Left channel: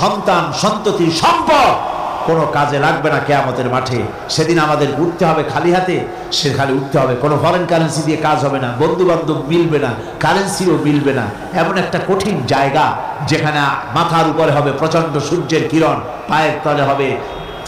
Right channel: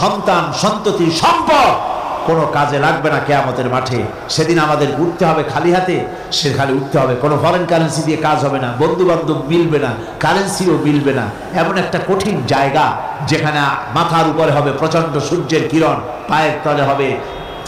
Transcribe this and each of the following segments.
সন্তান সন্ততি সম্পদ কোনো কাজে লাগবে না কিয়ামতের মাঠে। সেদিন আমাদের উঠতে হবে খালি হাতে, সে খালি উঠতে হবে, কোনো ফরেন কারেন্সি দিয়ে কাজ হবে না, বন্ধু বান্ধব মিলবে না, কারেন্সিও মিলবে না। এমন একটা কঠিন জায়গা যেখানে মাথার উপরে হবে প্রচন্ড সূর্যের কিরণ, পায়ের তলে হবে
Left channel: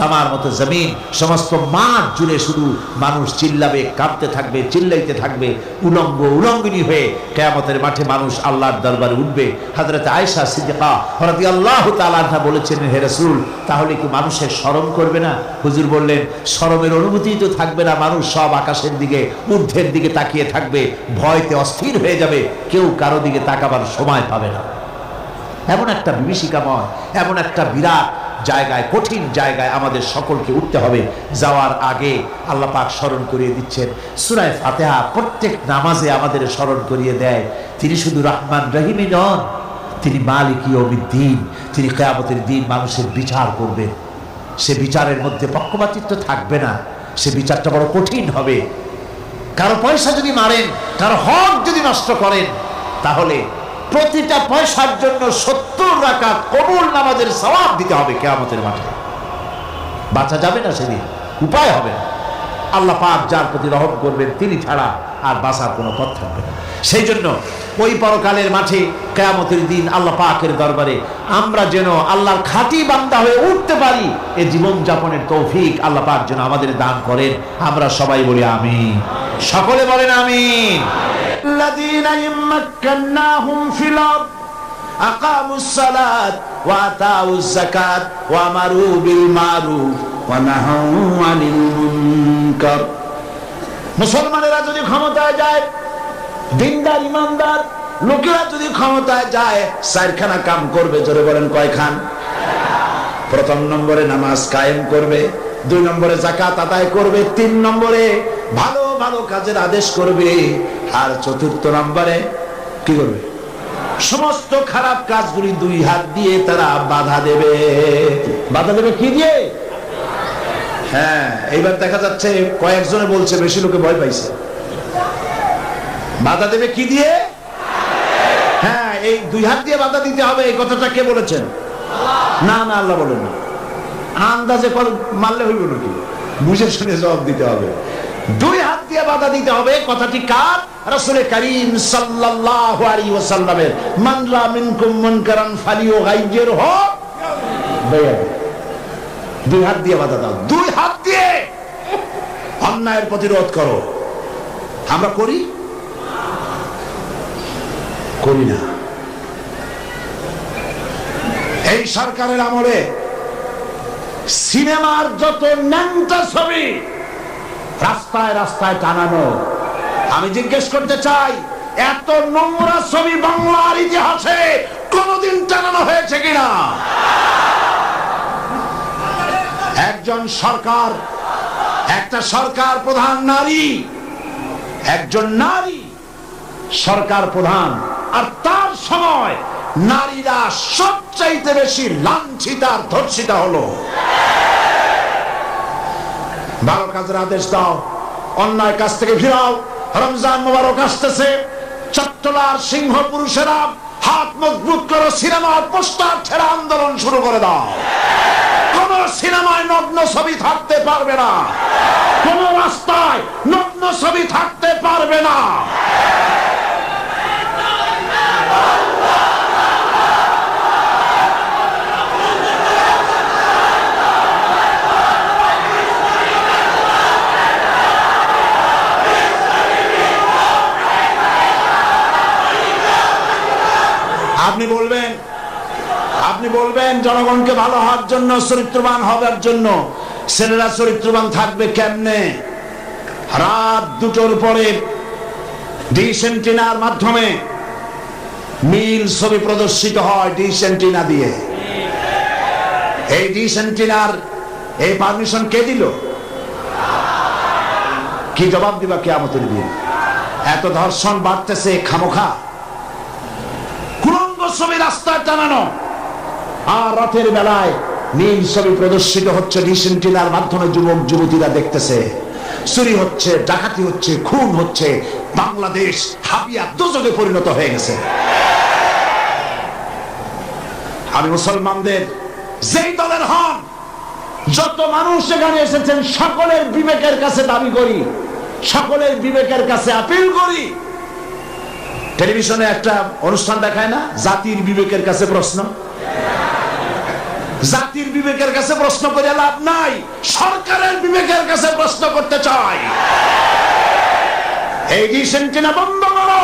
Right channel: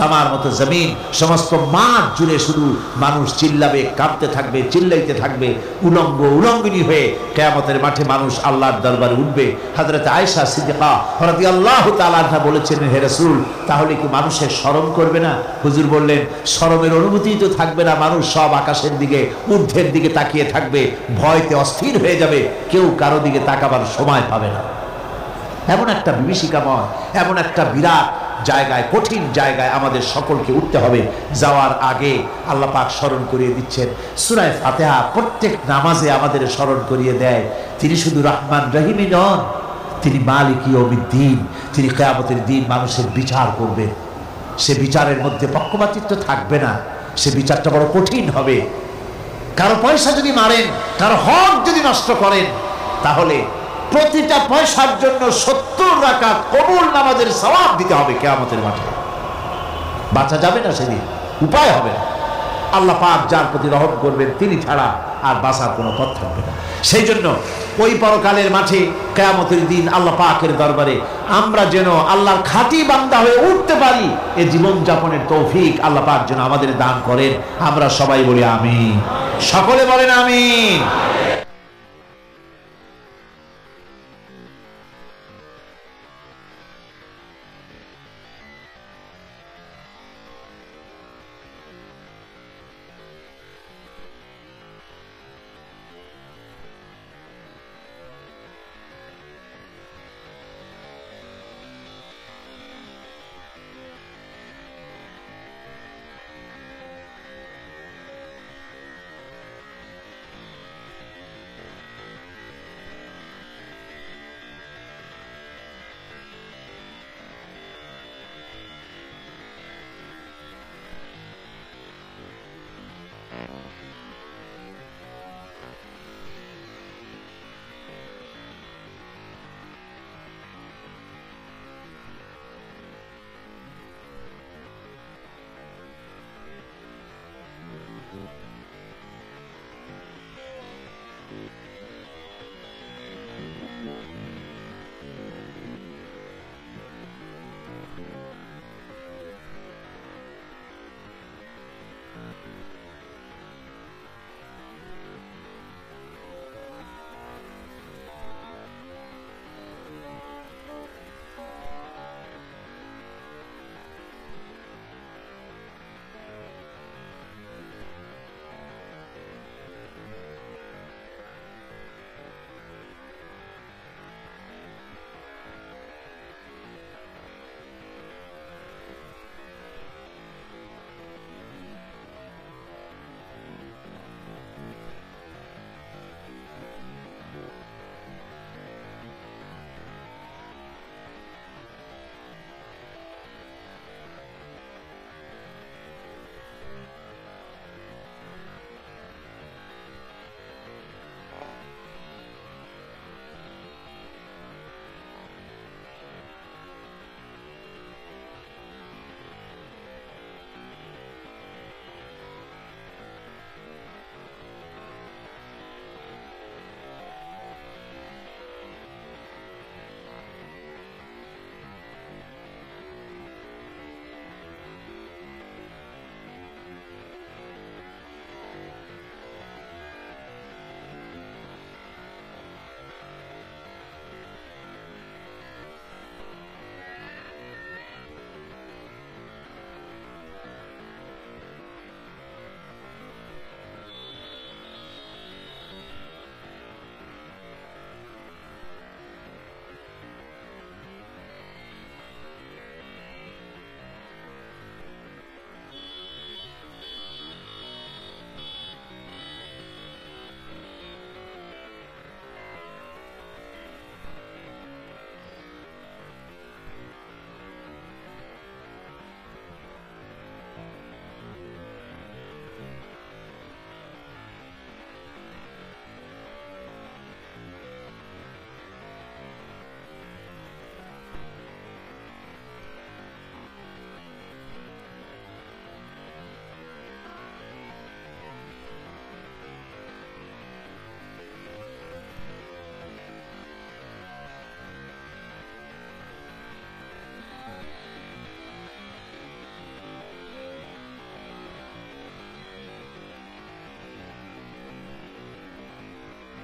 তামার মতো জমিন, সমস্ত মাঠ জুড়ে শুধু মানুষ চিল্লাবে, কাঁপতে থাকবে, চিল্লাইতে থাকবে, উলঙ্গ উলঙ্গিনী হয়ে কিয়ামতের মাঠে মানুষ আল্লাহর দরবারে উঠবে। হযরত আয়েশা সিদ্দিকা রাদিয়াল্লাহু তাআলা আনহা বলেছেন, হে রাসূল, তাহলে কি মানুষের শরম করবে না? হুজুর বললেন, শরমের অনুভূতি তো থাকবে না, মানুষ সব আকাশের দিকে, ঊর্ধ্বের দিকে তাকিয়ে থাকবে, ভয়তে অস্থির হয়ে যাবে, কেউ কারো দিকে তাকাবার সময় পাবে না। এমন একটা বিভীষিকাময়, এমন একটা বিরাট জায়গায়, কঠিন জায়গায় আমাদের সকলকে উঠতে হবে। যাওয়ার আগে আল্লাহ পাক স্মরণ করিয়ে দিচ্ছেন, সূরা ফাতিহা প্রত্যেক নামাজে আমাদের স্মরণ করিয়ে দেয়, তিনি শুধু রহমান রহিমই নন, তিনি মালিক ইয়াউমিদ্দিন, তিনি কিয়ামতের দিন মানুষের বিচার করবেন। সে বিচারের মধ্যে পক্ষপাতিত্ব থাকবে না, সে বিচারটা বড় কঠিন হবে। কারো পয়সা যদি মারেন, কারো হক যদি নষ্ট করেন, তাহলে প্রতিটা পয়সার জন্য 70 রাকাত কবুল নামাজের সওয়াব দিতে হবে কিয়ামতের মাঠে। বাঁচা যাবে না সেদিন, উপায় হবে না। আল্লাহ পাক যার প্রতি রহম করবেন তিনি ছাড়া আর বাঁচার কোনো পথ থাকবে না। সেই জন্য ওই পরকালের মাঠে কিয়ামতের দিন আল্লাহ পাকের দরবারে আমরা যেন আল্লাহর খাঁটি বান্দা হয়ে উঠতে পারি, এই জীবন যাপনের তৌফিক আল্লাহ পাক যেন আমাদের দান করেন। আমরা সবাই বলি আমিন, সকলে বলেন আমিন। الذين مكناهم في الأرض أقاموا الصلاة وآتوا الزكاة وأمروا بالمعروف ونهوا عن المنكر। মুসলমানেরা যদি ক্ষমতায় যায়, দিনদার ইমানদার লোকেরা যদি ক্ষমতায় যায়, চারখানা কাম করবে। জোরে বলেন কয়খান? প্রথম নম্বরে নামাজ কায়েম করবে, 2 নম্বরে যাকাত আদায় করবে, 3 নম্বরে ভালো ভালো কাজের আদেশ করবে, আর 4র্থ নম্বরে কি করবে? সমস্ত খারাপ কাজগুলি 2 হাত দিয়ে তারা বাধা দেবে। বাধা দেবে কি দিয়ে? হ্যাঁ, এইবার দেখা যাচ্ছে কয়েকজনে বলছে, বেশি লোকে ভয় পাইছে। বাধা দেবে কি দিয়ে? হ্যাঁ, এই 2 হাত দিয়ে বাধা দিতে হবে। এই কথাটা কে বলেছেন? না না, আল্লাহ বলেন না। আন্দাজে মারলে হইব নাকি? বুঝে শুনে জবাব দিতে হবে। 2 হাত দিয়ে বাধা দিতে হবে। কথাটি কার? রাসূল কারীম সাল্লাল্লাহু আলাইহি ওয়াসাল্লামের। মান রা মিনকুম মুনকারান ফালিয়ুগাইয়িরহু বিয়াদিহি। 2 হাত দিয়ে বাধা দাও, 2 হাত দিয়ে অন্যায়ের প্রতিরোধ করো। আমরা করি না। এই সরকারের আমলে সিনেমার যত ন্যাংটা ছবি রাস্তায় রাস্তায় টানানো, আমি জিজ্ঞেস করতে চাই, এত নোংরা ছবি বাংলার ইতিহাসে কোনদিন টানানো হয়েছে কিনা? একজন সরকার, একটা সরকার প্রধান নারী, একজন নারী সরকার প্রধান, আর তার সময় নারীরা সবচাইতে বেশি লাঞ্ছিত আর ধর্ষিত হলো। ভালো কাজের আদেশ দাও, অন্যায় কাজ থেকে ফিরাও। রমজান মোবারক আসতেছে, চট্টলার সিংহ পুরুষেরা হাত মজবুত করো, সিনেমার পোস্টার ছেড়ে আন্দোলন শুরু করে দাও। কোন সিনেমায় নগ্ন ছবি থাকতে পারবে না, কোন রাস্তায় নগ্ন ছবি থাকতে পারবে না। আপনি বলবেন জনগণকে ভালো হওয়ার জন্য, চরিত্রবান হওয়ার জন্য। ছেলেরা চরিত্রবান থাকবে কেমনে? রাত 2টোর পরে ডিশ এন্টিনার মাধ্যমে নীল ছবি প্রদর্শিত হয়, ডিশ এন্টিনা দিয়ে। এই ডিশ এন্টিনার এই পারমিশন কে দিল? কি জবাব দিবা কিয়ামতের দিন? এত ধর্ষণ বাড়তেছে খামোখা, কুরঙ্গ ছবি রাস্তায় টানানো, আর রাতের বেলায় নীল ছবি প্রদর্শিত হচ্ছে ডিশ এন্টিনার মাধ্যমে। যুবক যুবতীরা দেখতেছে, চুরি হচ্ছে, ডাকাতি হচ্ছে, খুন হচ্ছে। বাংলাদেশ হাবিয়া দোজখে পরিণত হয়ে গেছে। আমি মুসলমানদের যেই দলের হন, যত মানুষ এখানে এসেছেন, সকলের বিবেকের কাছে দাবি করি, সকলের বিবেকের কাছে আপিল করি। টেলিভিশনে একটা অনুষ্ঠান দেখায় না, জাতির বিবেকের কাছে প্রশ্ন। জাতির বিবেকের কাছে প্রশ্ন করে লাভ নাই, সরকারের বিবেকের কাছে প্রশ্ন করতে চাই। এই ডিসেন্টিনা বন্ধ করো,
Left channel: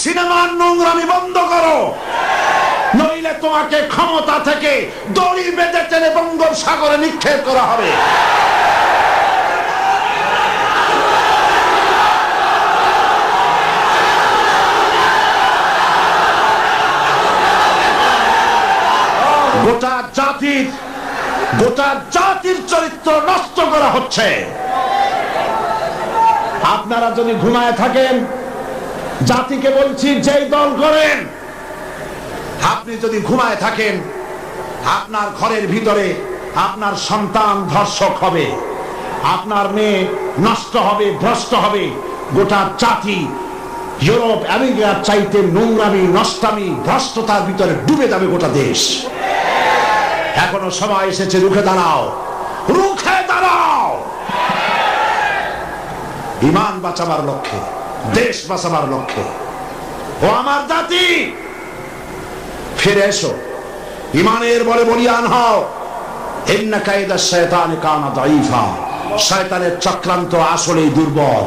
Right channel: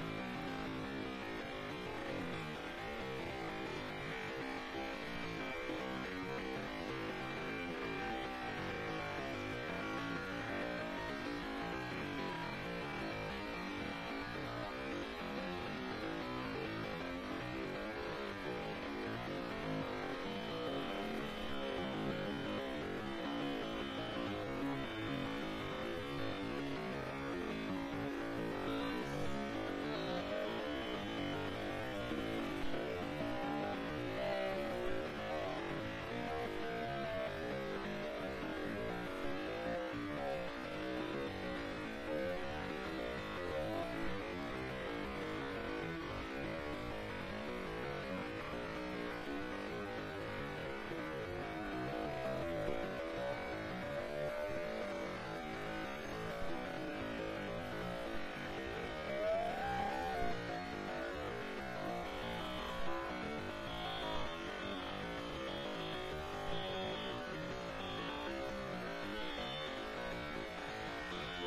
সিনেমার নোংরামি বন্ধ করো, নইলে তোমাকে ক্ষমতা থেকে দড়ি বেঁধে টেনে বঙ্গোপসাগরে নিক্ষেপ করা হবে। গোটা জাতির চরিত্র নষ্ট করা হচ্ছে। আপনারা যদি ঘুমায় থাকেন, জাতিকে বলছি, যেই দল করেন, আপনি যদি ঘুমায় থাকেন, আপনার ঘরের ভিতরে আপনার সন্তান ধর্ষক হবে, আপনার মেয়ে নষ্ট হবে, ভ্রষ্ট হবে। গোটা জাতি ইউরোপ আমেরিকার চাইতে নোংরামি, নষ্টামি, ভ্রষ্টতার ভিতরে ডুবে যাবে গোটা দেশ। এখনো সময় এসেছে, রুখে দাঁড়াও, রুখে দাঁড়াও। ঈমান বাঁচাবার লক্ষ্যে, দেশ বাঁচাবার লক্ষ্যে। ও আমার জাতি, ফিরে এসো, ঈমানের বলে বলিয়ান হও। ইন্না কায়দা শায়তানি কানা দাঈফা। শয়তানের চক্রান্ত আসলেই দুর্বল।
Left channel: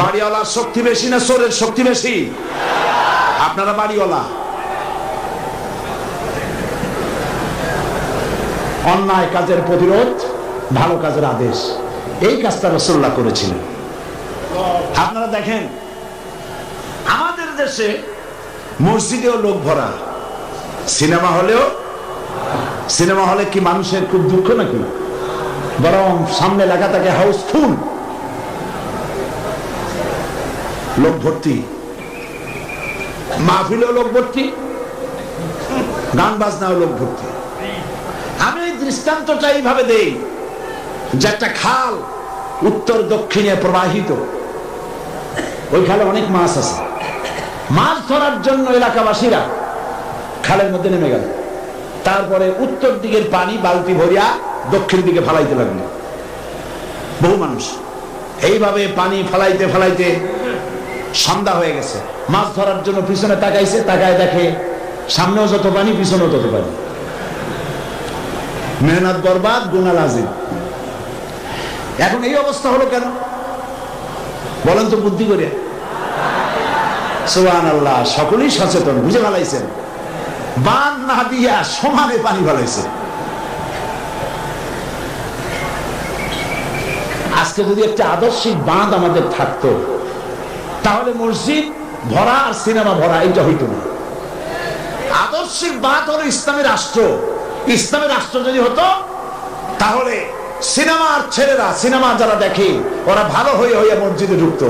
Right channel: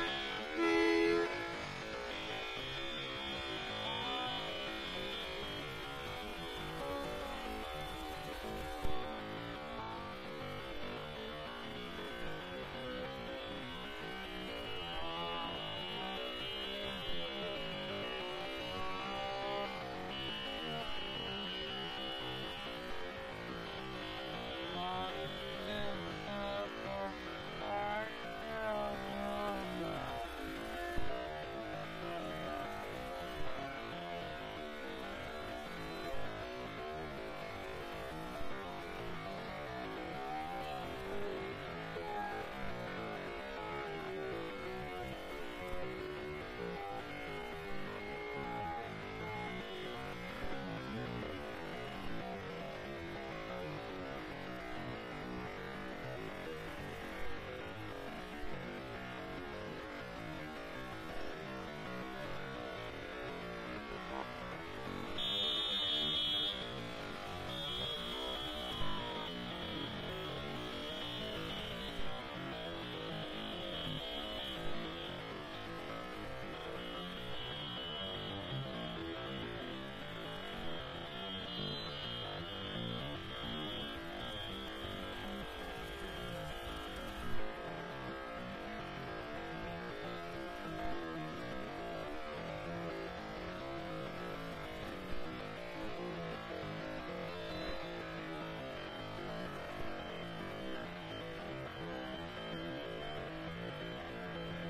বাড়িওয়ালার শক্তি বেশি না চোরের শক্তি বেশি? আপনারা বাড়িওয়ালা। অন্যায় কাজের প্রতিরোধ, ভালো কাজের আদেশ, এই কাজটা রাসূলুল্লাহ করেছিলেন। আপনারা দেখেন, আমাদের দেশে মসজিদেও লোক ভরা, সিনেমা হলে কি মানুষের খুব দুঃখ নাকি? বরং সামনে লেখা থাকে হাউসফুল, লোক ভর্তি। মাহফিলেও লোক ভর্তি, গান বাজনাও লোক ভর্তি। আমি এই দৃষ্টান্তটা এইভাবে দেই যে একটা খাল উত্তর দক্ষিণে প্রবাহিত, ওই খালে অনেক মাছ আছে। মাছ ধরার জন্য এলাকাবাসীরা খালের মধ্যে নেমে গেল। তারপরে উত্তর দিকের পানি বালতি ভরিয়া দক্ষিণ দিকে ফালাইতে লাগলো বহু মানুষ। এইভাবে পানি ফালাইতে ফালাইতে সন্ধ্যা হয়ে গেছে। মাছ ধরার জন্য পিছনে তাকাইছে, তাকায় দেখে সামনেও যত পানি, পিছনেও তত পানি। মেহনত বরবাদ, গুনাহ লাজিম। এখন এই অবস্থা হলো কেন বলেন তো বুদ্ধি করে? সুবহানাল্লাহ, সকলেই সচেতন, বুঝে ফেলাইছেন। বাঁধ না দিয়া সমানে পানি ফেলাইছে। আজকে যদি একটা আদর্শিক বাঁধ আমাদের থাকতো, তাহলে মসজিদ ভরা আর সিনেমা ভরা এইটা হইতো না। আদর্শিক বাঁধ হলো ইসলামী রাষ্ট্র। ইসলামী রাষ্ট্র যদি হতো, তাহলে সিনেমার ছেলেরা, সিনেমা যারা দেখে, ওরা ভালো হয়ে হয়ে মসজিদে ঢুকতো।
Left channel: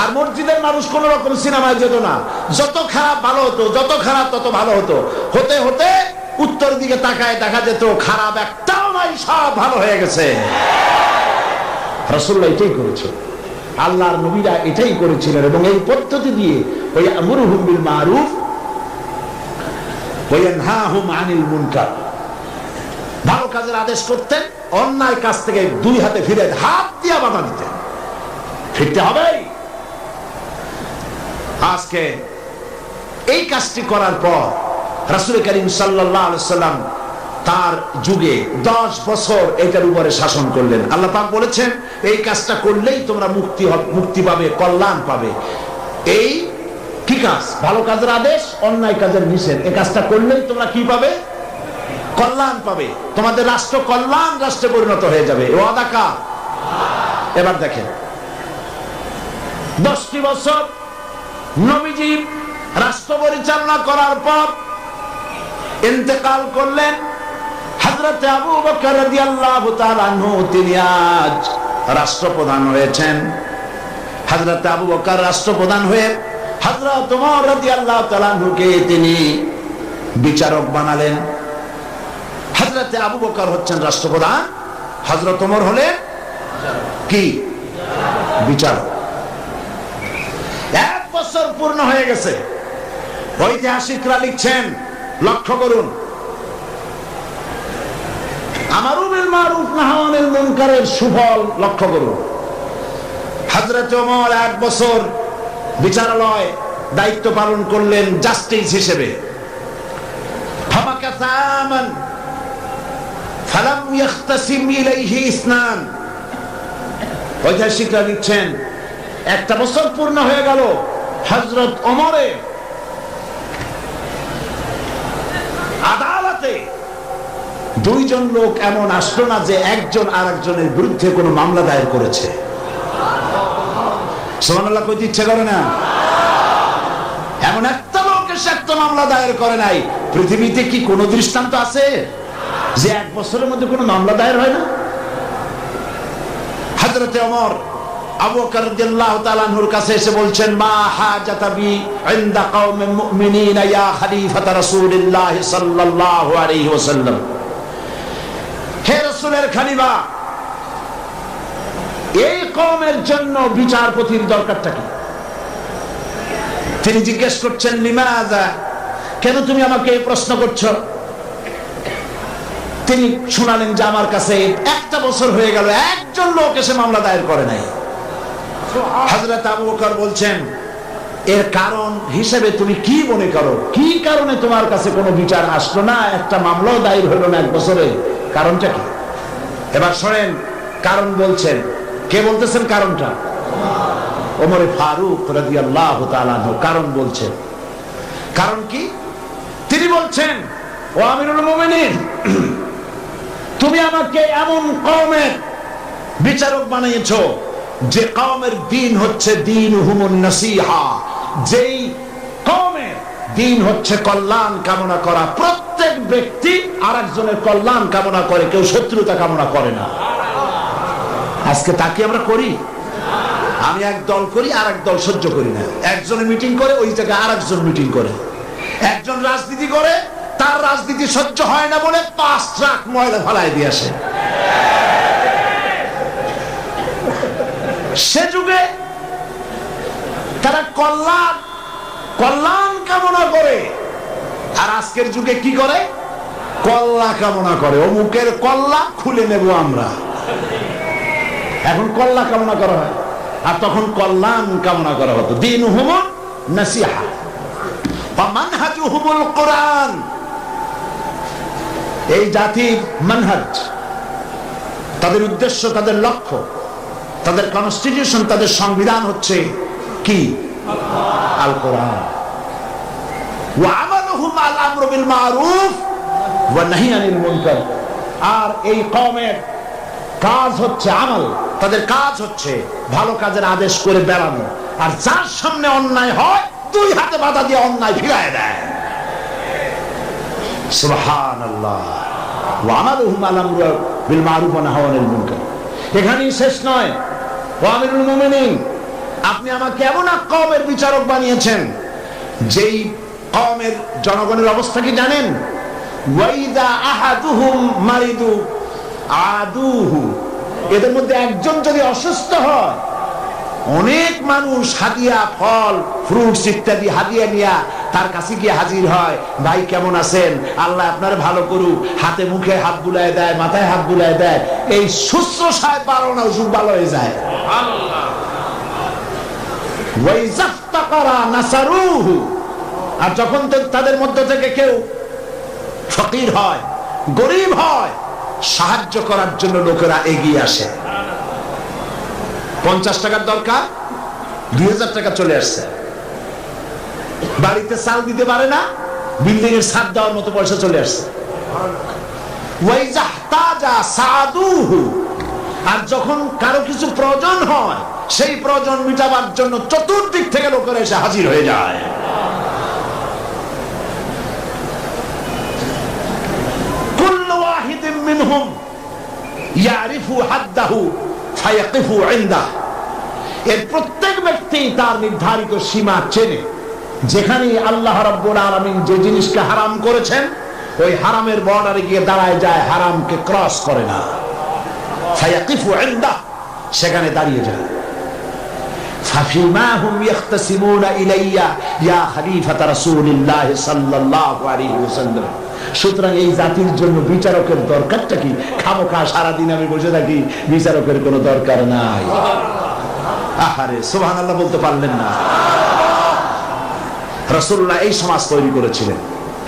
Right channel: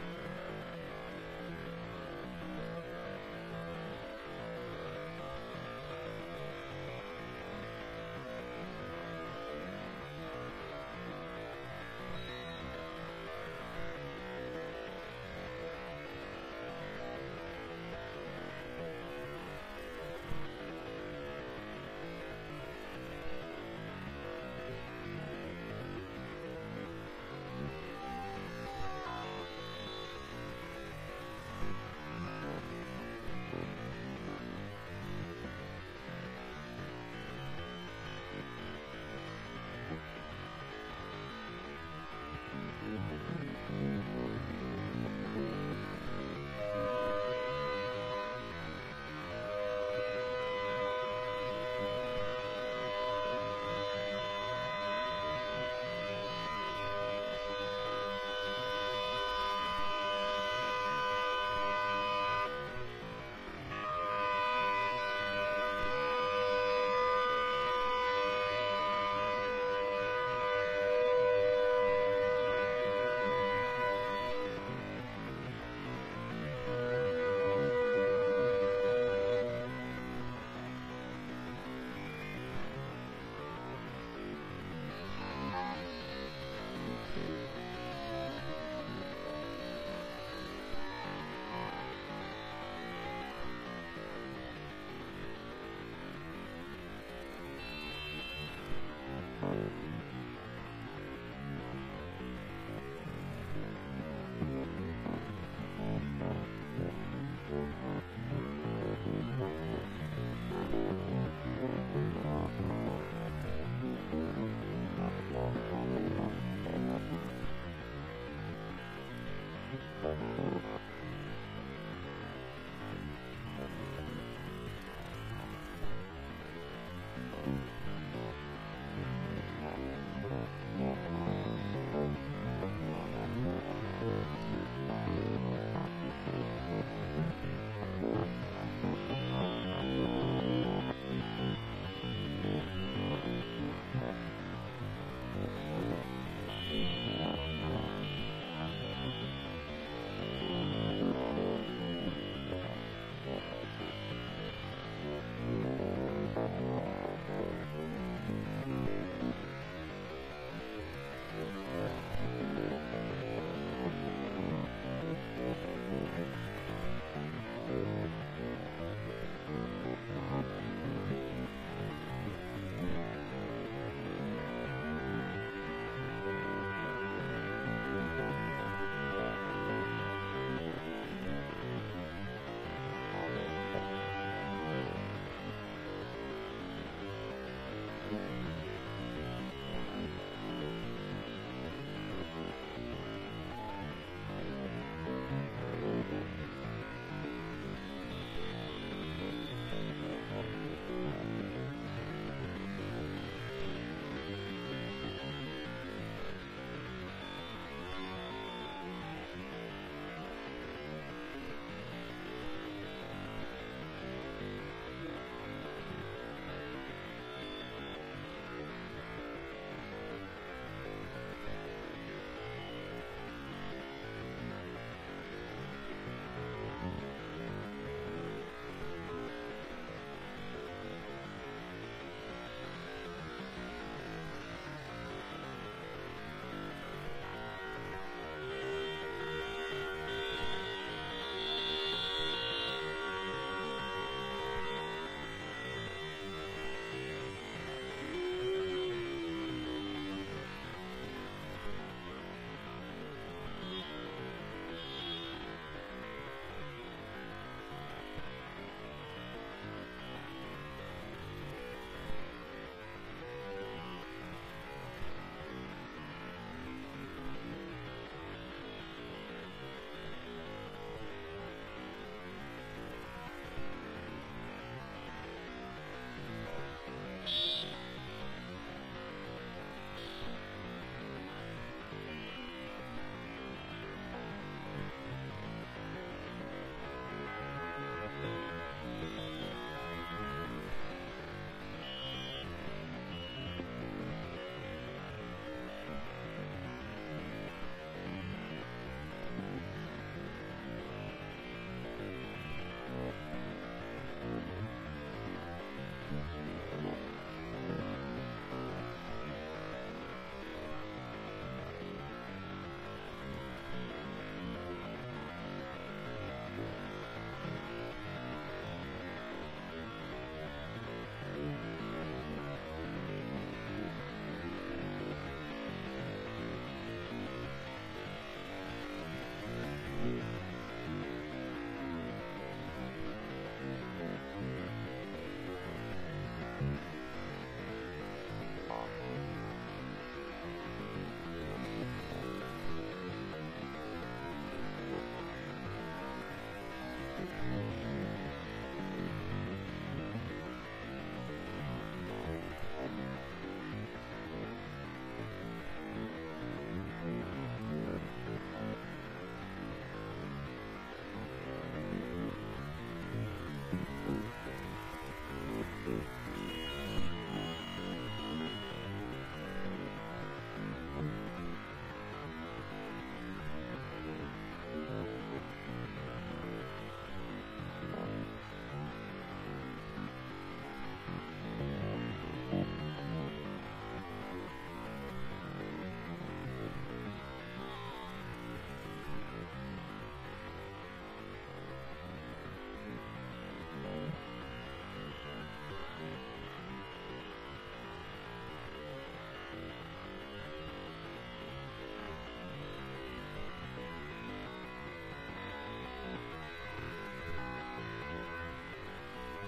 আর মসজিদের মানুষ কোন রকম সিনেমায় যেত না। যত খারাপ ভালো হতো, যত খারাপ তত ভালো হতো। হতে হতে উত্তর দিকে তাকায় দেখা যেত খারাপ একটাও নাই, সব ভালো হয়ে গেছে। রাসূলুল্লাহ এটাই করেছে, আল্লাহর নবীরা এটাই করেছিলেন। এবং এই পদ্ধতি দিয়ে ওই আমরুহুম বিল মারুফ ওয়া ইয়ানহাহুম আনিল মুনকার, ভালো কাজের আদেশ করতেন, অন্যায় কাজ থেকে দুই হাতে ফিরে হাত দিয়ে বাধা দিতেন। ফিরতে হবে। আজকে এই কাজটি করার পর রাসূল করিম সাল্লাল্লাহু আলাইহি সাল্লাম তার যুগে 10 বছর এটার উপরে শাসন করলেন। আল্লাহ পাক বলেছেন, এই কাজটা করলেই তোমরা মুক্তি পাবে, কল্যাণ পাবে। এই কি কাজ? ভালো কাজের আদেশ, অন্যায় কাজের নিষেধ। এই কাজটা করলেই তোমরা কি পাবে? কল্যাণ পাবে। তোমাদের রাষ্ট্র কল্যাণ রাষ্ট্রে পরিণত হয়ে যাবে। ওয়াদা কার? এবার দেখেন, 10টি বছর নবীজি রাষ্ট্র পরিচালনা করার পর ইন্তেকাল করলেন। হযরত আবু বকর রাদিয়াল্লাহু তাআলা আনহু তিনি আজ রাষ্ট্রপ্রধান হয়েছেন। হযরত আবু বকর রাষ্ট্রপ্রধান হয়ে হযরত ওমর রাদিয়াল্লাহু তাআলা আনহুকে তিনি বিচারক বানালেন। হযরত আবু বকর হচ্ছেন রাষ্ট্রপ্রধান, হযরত ওমর হলেন কি? বিচারক। 1 বছর পূর্ণ হয়ে গেছে। ঐতিহাসিকরা লিখছেন লক্ষ্য করুন, আমারু বিল মারুফ নাহি আনিল মুনকারের সুফল লক্ষ্য করুন। হযরত ওমর 1 বছর বিচারালয় দায়িত্ব পালন করলেন জাস্টিস হিসেবে। ফামাকাসামান ফালাম ইয়াখতাসিম ইলাইহি ইসনান। ঐতিহাসিকরা লিখছেন 1 বছর পূর্ণ হয়ে গেল, হযরত ওমরের আদালতে 2 জন লোক এমন আসলো না যে একজন আরেকজনের বিরুদ্ধে কোনো মামলা দায়ের করেছে। সুবহানাল্লাহ কইতে ইচ্ছে করে না? এমন একটা লোক এসে একটা মামলা দায়ের করে নাই। পৃথিবীতে কি কোনো দৃষ্টান্ত আছে যে 1 বছরের মধ্যে কোনো মামলা দায়ের হয় না? হযরত ওমর আবু বকর রাদিয়াল্লাহু তাআলা আনহুর কাছে এসে বলছেন, মা হাজাতা বি ইনদা কওমিল মুমিনিনা ইয়া খলিফাত রাসূলুল্লাহ সাল্লাল্লাহু আলাইহি ওয়াসাল্লাম। হে রাসূলের খলিফা, এই কওমের জন্য বিচারপতির দরকারটা কি? তিনি জিজ্ঞেস করছেন, লিমাযা, কেন তুমি আমাকে এই প্রশ্ন করছো? তিনি শোনালেন যে আমার কাছে 1 বছর হয়ে গেল, একজন লোক এসে মামলা দায়ের করে নাই। হযরত আবু বকর বলছেন, এর কারণ হিসেবে তুমি কি মনে করো? কি কারণে তোমার কাছে কোনো বিচার আসলো না, একটা মামলাও দায়ের হলো না 1 বছরে? কারণটা কি? এবার শোনেন, কারণ বলছেন। কে বলতেছেন কারণটা? ওমর ফারুক রাদিয়াল্লাহু তাআলা আনহু কারণ বলছেন। কারণ কি? তিনি বলছেন, ও আমিরুল মুমিনিন, তুমি আমাকে এমন কওমের বিচারক বানিয়েছো যে কওমের দ্বীন হচ্ছে দীনুহুমুন নাসিহা, যেই কওমের দ্বীন হচ্ছে কল্যাণ কামনা করা। প্রত্যেক ব্যক্তি আরেকজনের কল্যাণ কামনা করে, কেউ শত্রুতা কামনা করে না। আজকে তা কি আমরা করি? আমি এক দল করি, আর এক দল সহ্য করি না। একজনে মিটিং করে, ওই জায়গায় আরেকজন মিটিং করে। একজন রাজনীতি করে, তার রাজনীতি সহ্য হয় না বলে 5 ট্রাক ময়লা ফেলায় দিয়ে আসে। সে যুগে তারা কল্যাণ কামনা করে, আর আজকের যুগে কি করে? কল্লা কামনা করে। অমুকের কল্লা খুলে নেব আমরা। এখন কল্লা কামনা করা হয়, আর তখন কল্যাণ কামনা করা হতো। দীনুহুমুন নাসিহা ওয়া মানহাজুহুমুল কোরআন। এই জাতির মানহাজ, তাদের উদ্দেশ্য, তাদের লক্ষ্য, তাদের কনস্টিটিউশন, তাদের সংবিধান হচ্ছে কি? আল কোরআন। ওয়া আমালুহুম আল আমরু বিল মারুফ ওয়া নাহি আনিল মুনকার। আর এই কওমের কাজ হচ্ছে আমল, তাদের কাজ হচ্ছে ভালো কাজের আদেশ করে বেড়ানো, আর যার সামনে অন্যায় হয় 2 হাতে বাধা দিয়ে অন্যায় ফিরায় দেয়। সুবহানাল্লাহ। ওয়া আমালুহুম আল আমরু বিল মারুফ ওয়া নাহি আনিল মুনকার। এখানেই শেষ নয়। ও আমিরুল মুমিনিন, আপনি আমাকে এমন এক কওমের বিচারক বানিয়েছেন যেই কওমের জনগণের অবস্থা কি জানেন? ওয়াইদা আহাদুহুম মারিদু আদুহু। এদের মধ্যে একজন যদি অসুস্থ হয়, অনেক মানুষ হাদিয়া, ফল, ফ্রুটস ইত্যাদি হাদিয়া নিয়ে তার কাছে গিয়ে হাজির হয়। ভাই কেমন আছেন? আল্লাহ আপনার ভালো করুক। হাতে মুখে হাত বুলায় দেয়, মাথায় হাত বুলায় দেয়। এই শুশ্রূষায় পারো না, ওষুধ ভালো হয়ে যায়। আর যখন তাদের মধ্য থেকে কেউ ফকির হয়, গরিব হয়, সাহায্য করার জন্য লোকেরা এগিয়ে আসে। 50 টাকার দরকার, 2000 টাকা চলে আসছে। বাড়িতে চাল দিতে পারে না, বিল্ডিং এর ছাদ দেওয়ার মতো পয়সা চলে আসছে। আর যখন কারো কিছু প্রয়োজন হয়, সেই প্রয়োজন মিটাবার জন্য চতুর্দিক থেকে লোকেরা এসে হাজির হয়ে যায়। কুল্লু ওয়াহিদিন মিনহুম ইয়ারিফু হাদ্দাহু ফায়াকিফু ইনদাহু। এর প্রত্যেক ব্যক্তি তার নির্ধারিত সীমা চেনে। যেখানে আল্লাহ রাব্বুল আলামিন যে জিনিসকে হারাম করেছেন, ওই হারামের বর্ডারে গিয়ে দাঁড়ায় যায়, হারামকে ক্রস করে না। ফায়াকিফু ইনদাহু, সেখানে দাঁড়িয়ে যায়। ফাফিমা হুম ইয়াখতাসিমুনা ইলাইয়া ইয়া খলিফাতা রাসূলিল্লাহ সাল্লাল্লাহু আলাইহি ওয়াসাল্লাম। সুতরাং এই জাতির জন্য বিচারকের দরকারটা কি? খামোখা সারাদিন আমি বসে থাকি, বিচারকের কোনো দরকার নাই। আহারে সুবহানাল্লাহ বলতে পারলেন না? রাসূলুল্লাহ এই সমাজ তৈরি করেছিলেন।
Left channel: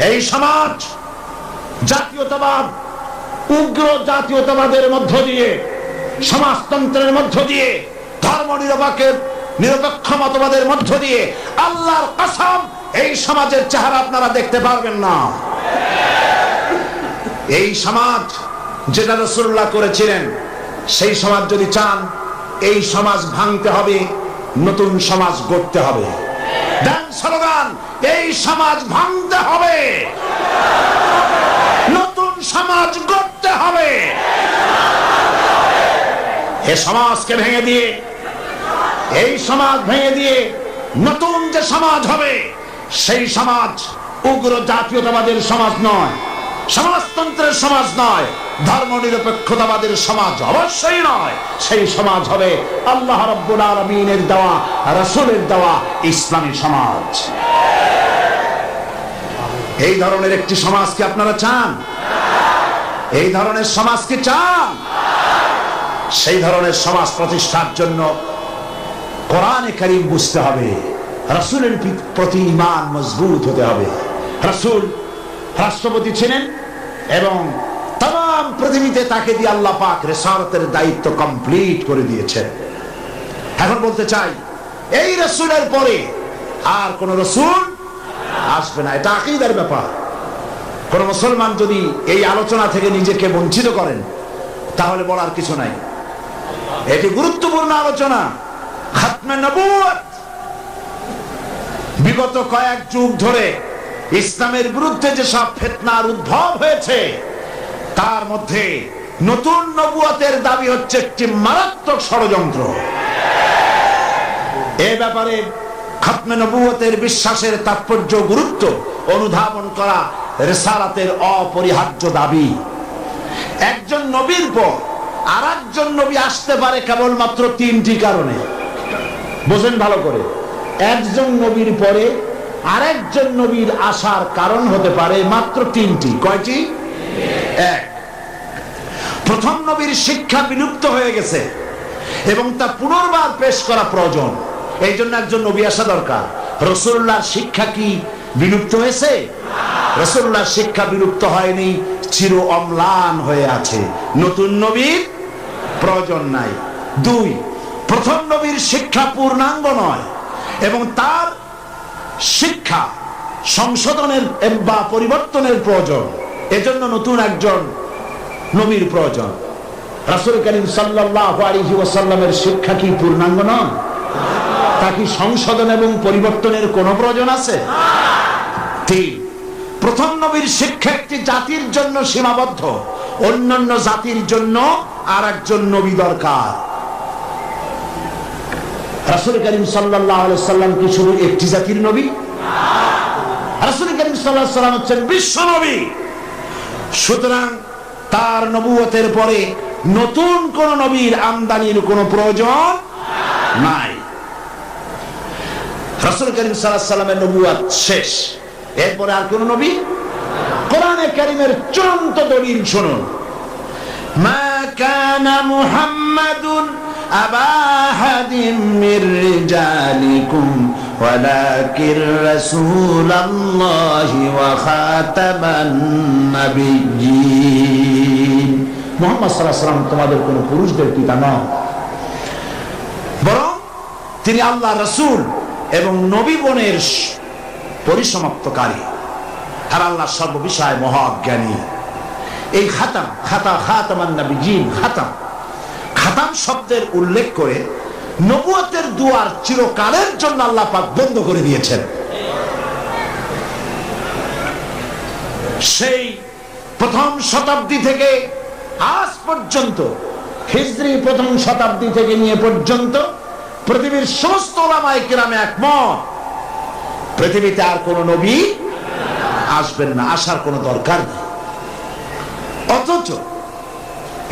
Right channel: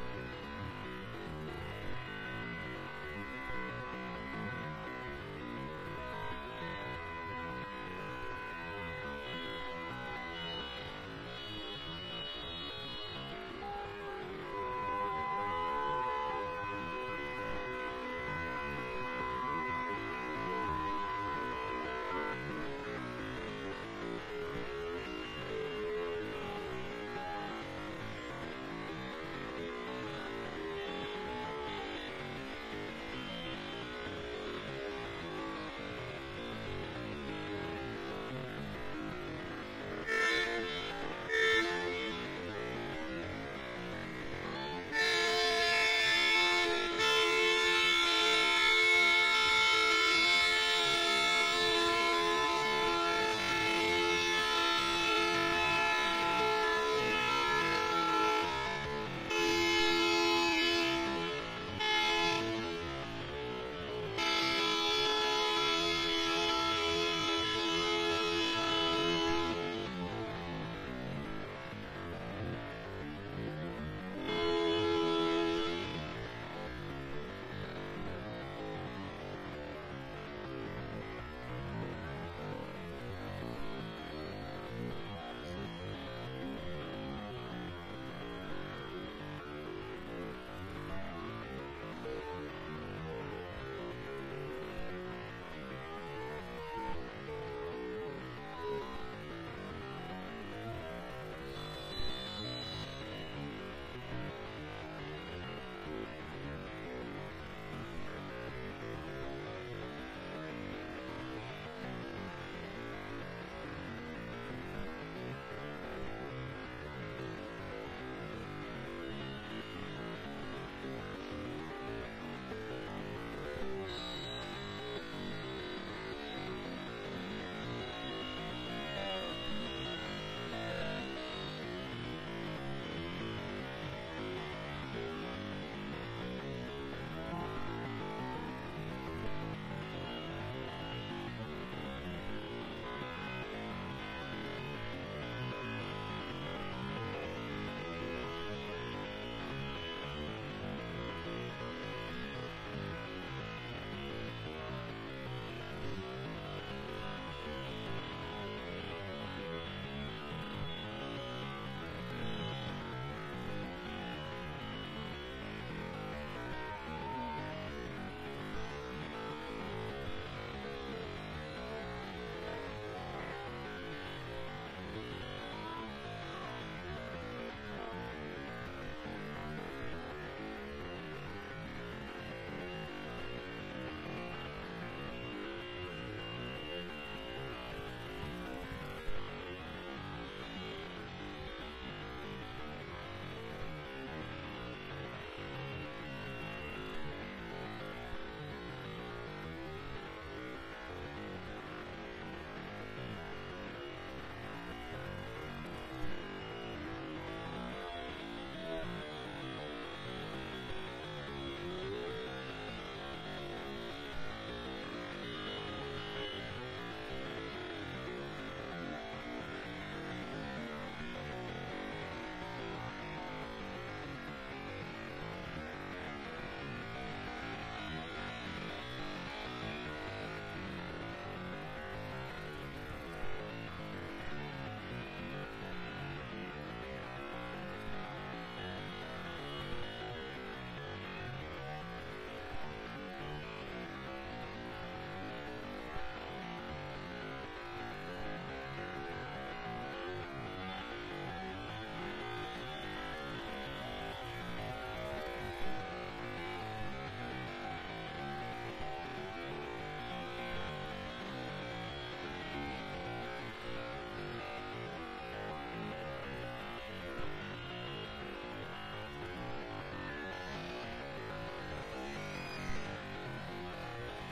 এই সমাজ জাতীয়তাবাদ, উগ্র জাতীয়তাবাদের মধ্য দিয়ে, সমাজতন্ত্রের মধ্য দিয়ে, ধর্ম নিরপেক্ষ মতবাদের মধ্য দিয়ে, আল্লাহর কসম এই সমাজের চেহারা আপনারা দেখতে পারবেন না। এই সমাজ যেটা রাসূলুল্লাহ করেছিলেন, সেই সমাজ যদি চান, এই সমাজ ভাঙতে হবে, নতুন সমাজ গড়তে হবে। দেন স্লোগান, এই সমাজ ভাঙতে হবে, নতুন সমাজ গড়তে হবে। এ সমাজকে ভেঙে দিয়ে, এই সমাজ ভেঙে দিয়ে নতুন যে সমাজ হবে, সেই সমাজ উগ্র জাতীয়তাবাদের সমাজ নয়, সমাজতন্ত্রের সমাজ নয়, ধর্ম নিরপেক্ষতাবাদের সমাজ অবশ্যই নয়। সেই সমাজ হবে আল্লাহ রাব্বুল আলামিনের দেওয়া, রাসূলের দেওয়া ইসলামী সমাজ। এই ধরনের একটি সমাজ কি আপনারা চান? এই ধরনের সমাজ কি চান? সেই ধরনের সমাজ প্রতিষ্ঠার জন্য কোরআনে কারীম বুঝতে হবে, রাসূলের প্রতি ঈমান মজবুত হতে হবে। রাসূল রাষ্ট্রপতি ছিলেন এবং তাম পৃথিবীতে তাকে দিয়ে আল্লাহ পাক রিসালাতের দায়িত্ব কমপ্লিট করে দিয়েছেন। এখন বলতে চাই, এই রাসূলের পরে আর কোন রাসূল আসবে না। এটা আকীদার ব্যাপার। কোন মুসলমান যদি এই আলোচনা থেকে নিজেকে বঞ্চিত করেন, তাহলে বলার কিছু নাই। এটি গুরুত্বপূর্ণ আলোচনা, খাতমে নবুয়ত। বিগত কয়েক যুগ ধরে ইসলামের বিরুদ্ধে যেসব ফিতনার উদ্ভব হয়েছে, তার মধ্যে নতুন নবুয়তের দাবি হচ্ছে একটি মারাত্মক ষড়যন্ত্র। এ ব্যাপারে খাতমে নবুয়তের বিশ্বাসের তাৎপর্য, গুরুত্ব অনুধাবন করা রিসালাতের অপরিহার্য দাবি। একজন নবীর পর আর একজন নবী আসতে পারে কেবলমাত্র তিনটি কারণে। বোঝেন ভালো করে, একজন নবীর পরে আরেকজন নবীর আসার কারণ হতে পারে মাত্র তিনটি। কয়টি? এক, প্রথম নবীর শিক্ষা বিলুপ্ত হয়ে গেছে এবং তা পুনর্বার পেশ করা প্রয়োজন, এই জন্য একজন নবী আসা দরকার। রাসূলুল্লাহর শিক্ষা কি বিলুপ্ত হয়েছে? রাসূলুল্লাহর শিক্ষা বিলুপ্ত হয়নি, চির অম্লান হয়ে আছে। নতুন নবীর প্রয়োজন নাই। দুই, প্রথম নবীর শিক্ষা পূর্ণাঙ্গ নয় এবং তার শিক্ষা সংশোধনের বা পরিবর্তনের প্রয়োজন, এজন্য নতুন একজন নবীর প্রয়োজন। রাসূল করিম সাল্লাল্লাহু আলাইহি ওয়াসাল্লামের শিক্ষা কি পূর্ণাঙ্গ নয়? তা কি সংশোধন এবং পরিবর্তনের কোনো প্রয়োজন আছে? তিন, প্রথম নবীর শিক্ষা একটি জাতির জন্য সীমাবদ্ধ, অন্যান্য জাতির জন্য আর একজন নবী দরকার। রাসূল করিম সাল্লাল্লাহু আলাইহি ওয়াসাল্লাম কি শুধু একটি জাতির নবী? রাসূল করিম সাল্লাল্লাহু আলাইহি ওয়াসাল্লাম হচ্ছেন বিশ্ব নবী। সুতরাং তার নবুয়তের পরে নতুন কোন নবীর আমদানির কোনো প্রয়োজন নাই। রাসূল করিম সাল্লাল্লাহু আলাইহি ওয়াসাল্লামের নবুয়ত শেষ, এরপরে আর কোন নবী? কোরআনে কারীমের চূড়ান্ত দলিল শুনুন, মা কানা মুহাম্মাদুন আবা আহাদিম মির রিজালিকুম ওয়ালাকির রাসূলুল্লাহি ওয়া খাতামান নাবিয়্যিন। মুহাম্মদ সাল্লাল্লাহু আলাইহি ওয়াসাল্লাম তোমাদের কোন পুরুষদের পিতা নন, বরং তিনি আল্লাহর রাসূল এবং নবীগণের পরিসমাপ্তকারী, আর আল্লাহ সর্ববিষয়ে মহাজ্ঞানী। এই খাতামান নবিয়্যিন, খাতাম শব্দের উল্লেখ করে নবুয়তের দুয়ার চিরকালের জন্য আল্লাহ পাক বন্ধ করে দিয়েছেন। সেই প্রথম শতাব্দী থেকে আজ পর্যন্ত, হিজরি প্রথম শতাব্দী থেকে নিয়ে পর্যন্ত পৃথিবীর সমস্ত উলামায়ে কেরামে একমত, পৃথিবীতে আর কোন নবী আসবেন না, আসার কোন দরকার নেই। অথচ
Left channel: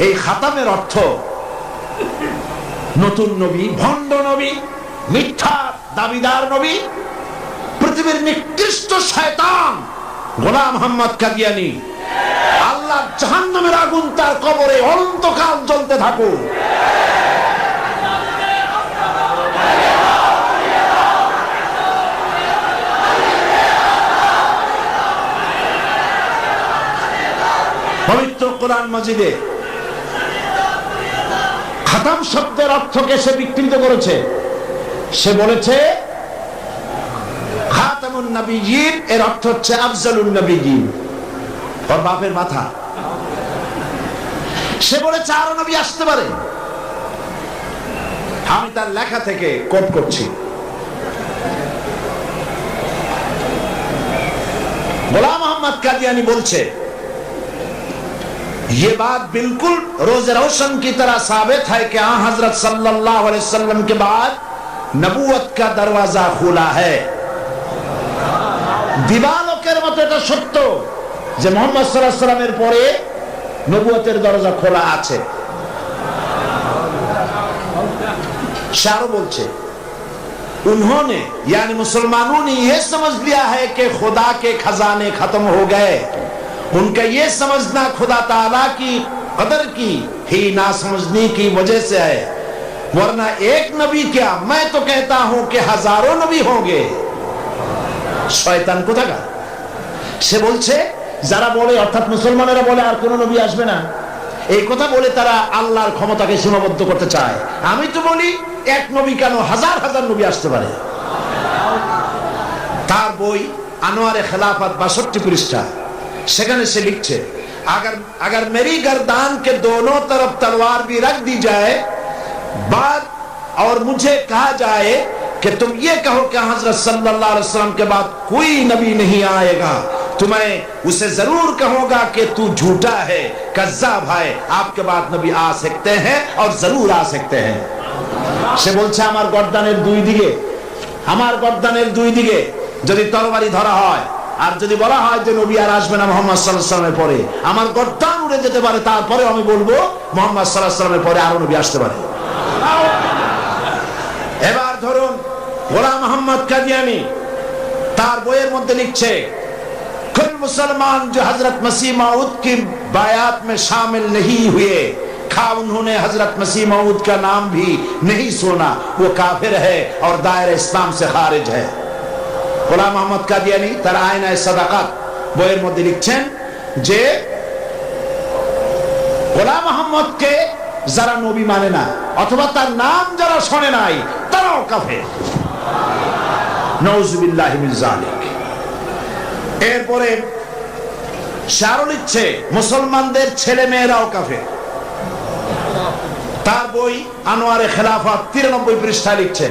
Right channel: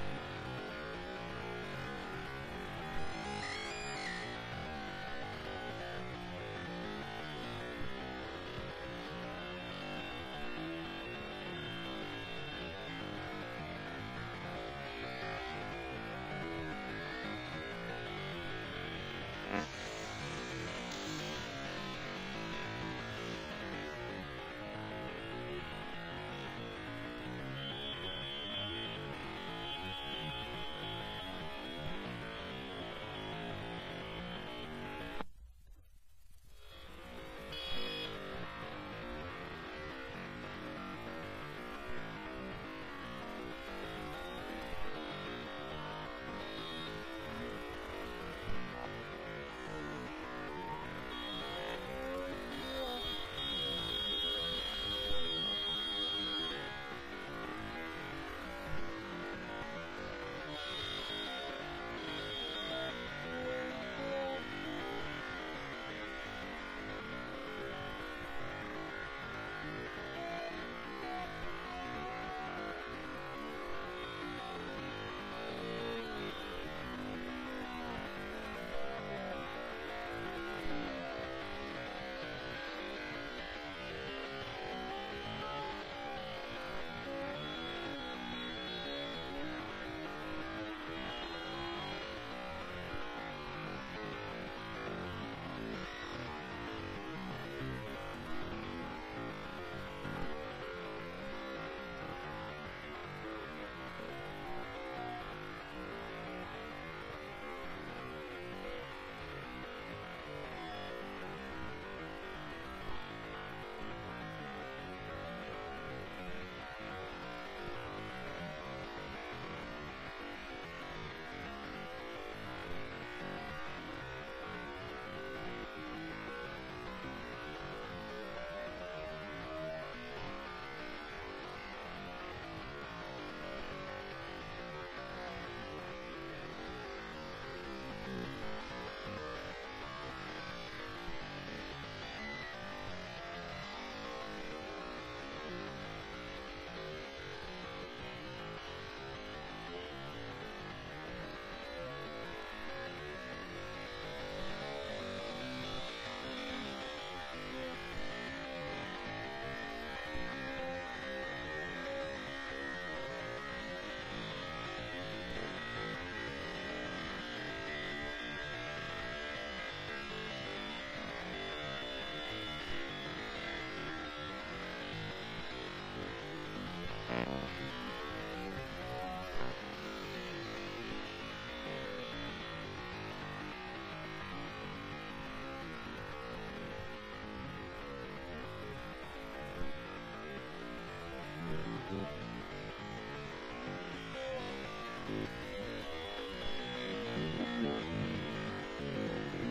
এই খাতামের অর্থ নতুন নবী, ভণ্ড নবী, মিথ্যা দাবিদার নবী, পৃথিবীর নিকৃষ্ট শয়তান গোলাম মোহাম্মদ কাদিয়ানী, আল্লাহ জাহান্নামের আগুন তার কবরে অনন্তকাল জ্বলতে থাকুক। পবিত্র কোরআন মাজিদে খাতাম শব্দের অর্থকে সে বিকৃত করেছে। সে বলেছে খাতামুন নবিয়্যিন এর অর্থ হচ্ছে আফজালুন নবিয়্যিন, ওর বাপের মাথা। সে বলেছে আরো নবী আসতে পারে। আমি তার লেখা থেকে কোট করছি। গোলাম মোহাম্মদ কাদিয়ানী বলছে, ये बात बिल्कुल रोज रोशन की तरह साबित है कि हजरत सल्लल्लाहु अलैहि वसल्लम के बाद नबूवत का दरवाजा खुला है। दिवालोकेर मतो এটা সত্য যে মুহাম্মদ সাল্লাল্লাহু আলাইহি ওয়াসাল্লামের পরে নবুয়তের দরজা খোলা আছে। शारो बोलছে, उन्होंने यानी मुसलमानों ने यह समझ लिया है कि खुदा के खजाने खत्म हो गए। उनका ये समझना खुदा ताला की कदर की ही ना समझने की वजह से है, वरना एक नबी क्या, मैं तो कहता हूं कि हजारों नबी होंगे। शयतान কোথাকার? সে বলছে যারা বলে, অর্থাৎ মুসলমানেরা বলে আর কোন নবী আসবে না, এই কথা বলে তারা আল্লাহর ক্ষমতাকে সীমাবদ্ধ করতে চায়। আমি তো বলি এক নবী কেন, হাজার হাজার নবী আসতে পারে। তার বই আনোয়ারে খেলাফত 62 পৃষ্ঠা, সেখানে সে লিখছে, अगर मेरी गर्दान के दोनों तरफ तलवार भी रख दी जाए बाद और मुझे कहा जाए कि तुम ये कहो कि हजरत सल्लल्लाहु अलैहि वसल्लम के बाद कोई नबी नहीं आएगा, तो मैं उसे जरूर कहूंगा कि तू झूठा है, कज़्ज़ाब है, आपके बाद नबी आ सकते हैं और जरूर आ सकते हैं। সে বলছে আমার গর্দানের দুই দিকে যদি তরবারি ধরা হয় আর যদি বলা হয় যে নবী আর আসবে না মুহাম্মদ সাল্লাল্লাহু আলাইহি ওয়াসাল্লামের পরে, আমার গর্দান উড়ে যেতে পারে, তারপরে আমি বলবো মুহাম্মদ সাল্লাল্লাহু আলাইহি ওয়াসাল্লামের পরে আরো নবী আসতে পারে। এবার ধরুন গোলাম মোহাম্মদ কাদিয়ানী তার বইয়ের মধ্যে লিখছে, कुल मुसलमान जो हजरत मसीह मऊद की बायात में शामिल नहीं हुए, खा उन्होंने हजरत मसीह मऊद का नाम भी नहीं सुना, वो काफिर है और दायरा इस्लाम से खारिज है। গোলাম মোহাম্মদ কাদিয়ানী তার আয়নায়ে সাদাকাত বইয়ের মধ্যে লিখছেন যে গোলাম মোহাম্মদকে যারা নবী মানে না অথবা তার নাম যারা শোনে নাই তারাও কাফের। নাউযুবিল্লাহি মিন যালিক। এরপরে শারও লিখছে মুসলমানদের ছেলে মেয়েরাও কাফের। তার বই আনোয়ারে খেলাফত 93 পৃষ্ঠায় লিখছে,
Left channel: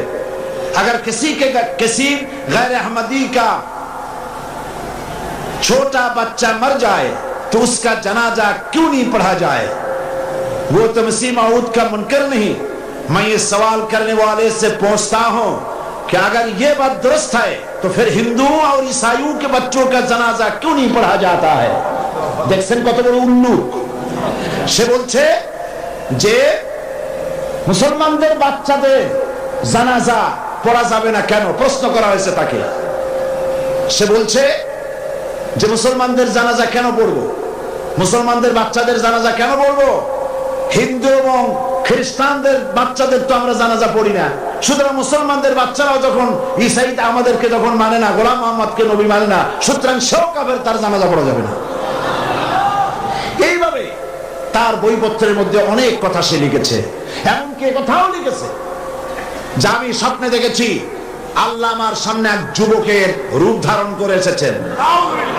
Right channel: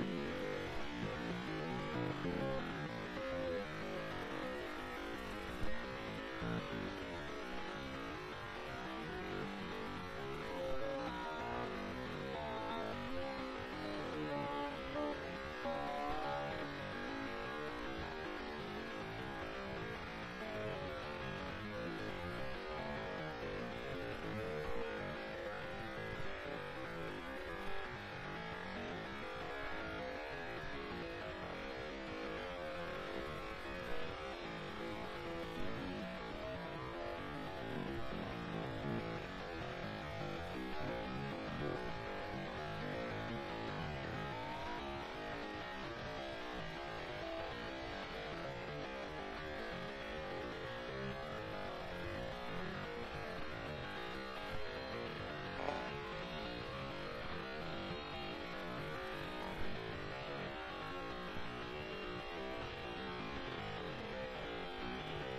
अगर किसी गैर अहमदी का छोटा बच्चा मर जाए तो उसका जनाजा क्यों नहीं पढ़ा जाए? वो तो मसीह मऊद का मुनकर नहीं। मैं ये सवाल करने वाले से पूछता हूं कि अगर ये बात दुरुस्त है तो फिर हिंदुओं और ईसाइयों के बच्चों का जनाजा क्यों नहीं पढ़ा जाता है? দেখছেন কত বড় উল্লুক। সে বলছে যে মুসলমানদের বাচ্চাদের জানাজা পড়া যাবে না কেন, প্রশ্ন করা হয়েছে তাকে। সে বলছে যে মুসলমানদের জানাজা কেন পড়বো, মুসলমানদের বাচ্চাদের জানাজা কেন পড়বো? হিন্দু এবং খ্রিস্টানদের বাচ্চাদের তো আমরা জানাজা পড়ি না, সুতরাং মুসলমানদের বাচ্চারাও যখন ঈসাইতে আমাদেরকে যখন মানে না, গোলাম মোহাম্মদকে নবী মানে না, সুতরাং সেও কাফের, তার জানাজা পড়া যাবে না। এইভাবে তার বইপত্রের মধ্যে অনেক কথা সে লিখেছে। এমনকি কথাও লিখেছে যে আমি স্বপ্নে দেখেছি আল্লাহ আমার সামনে এক যুবকের রূপ ধারণ করে এসেছেন,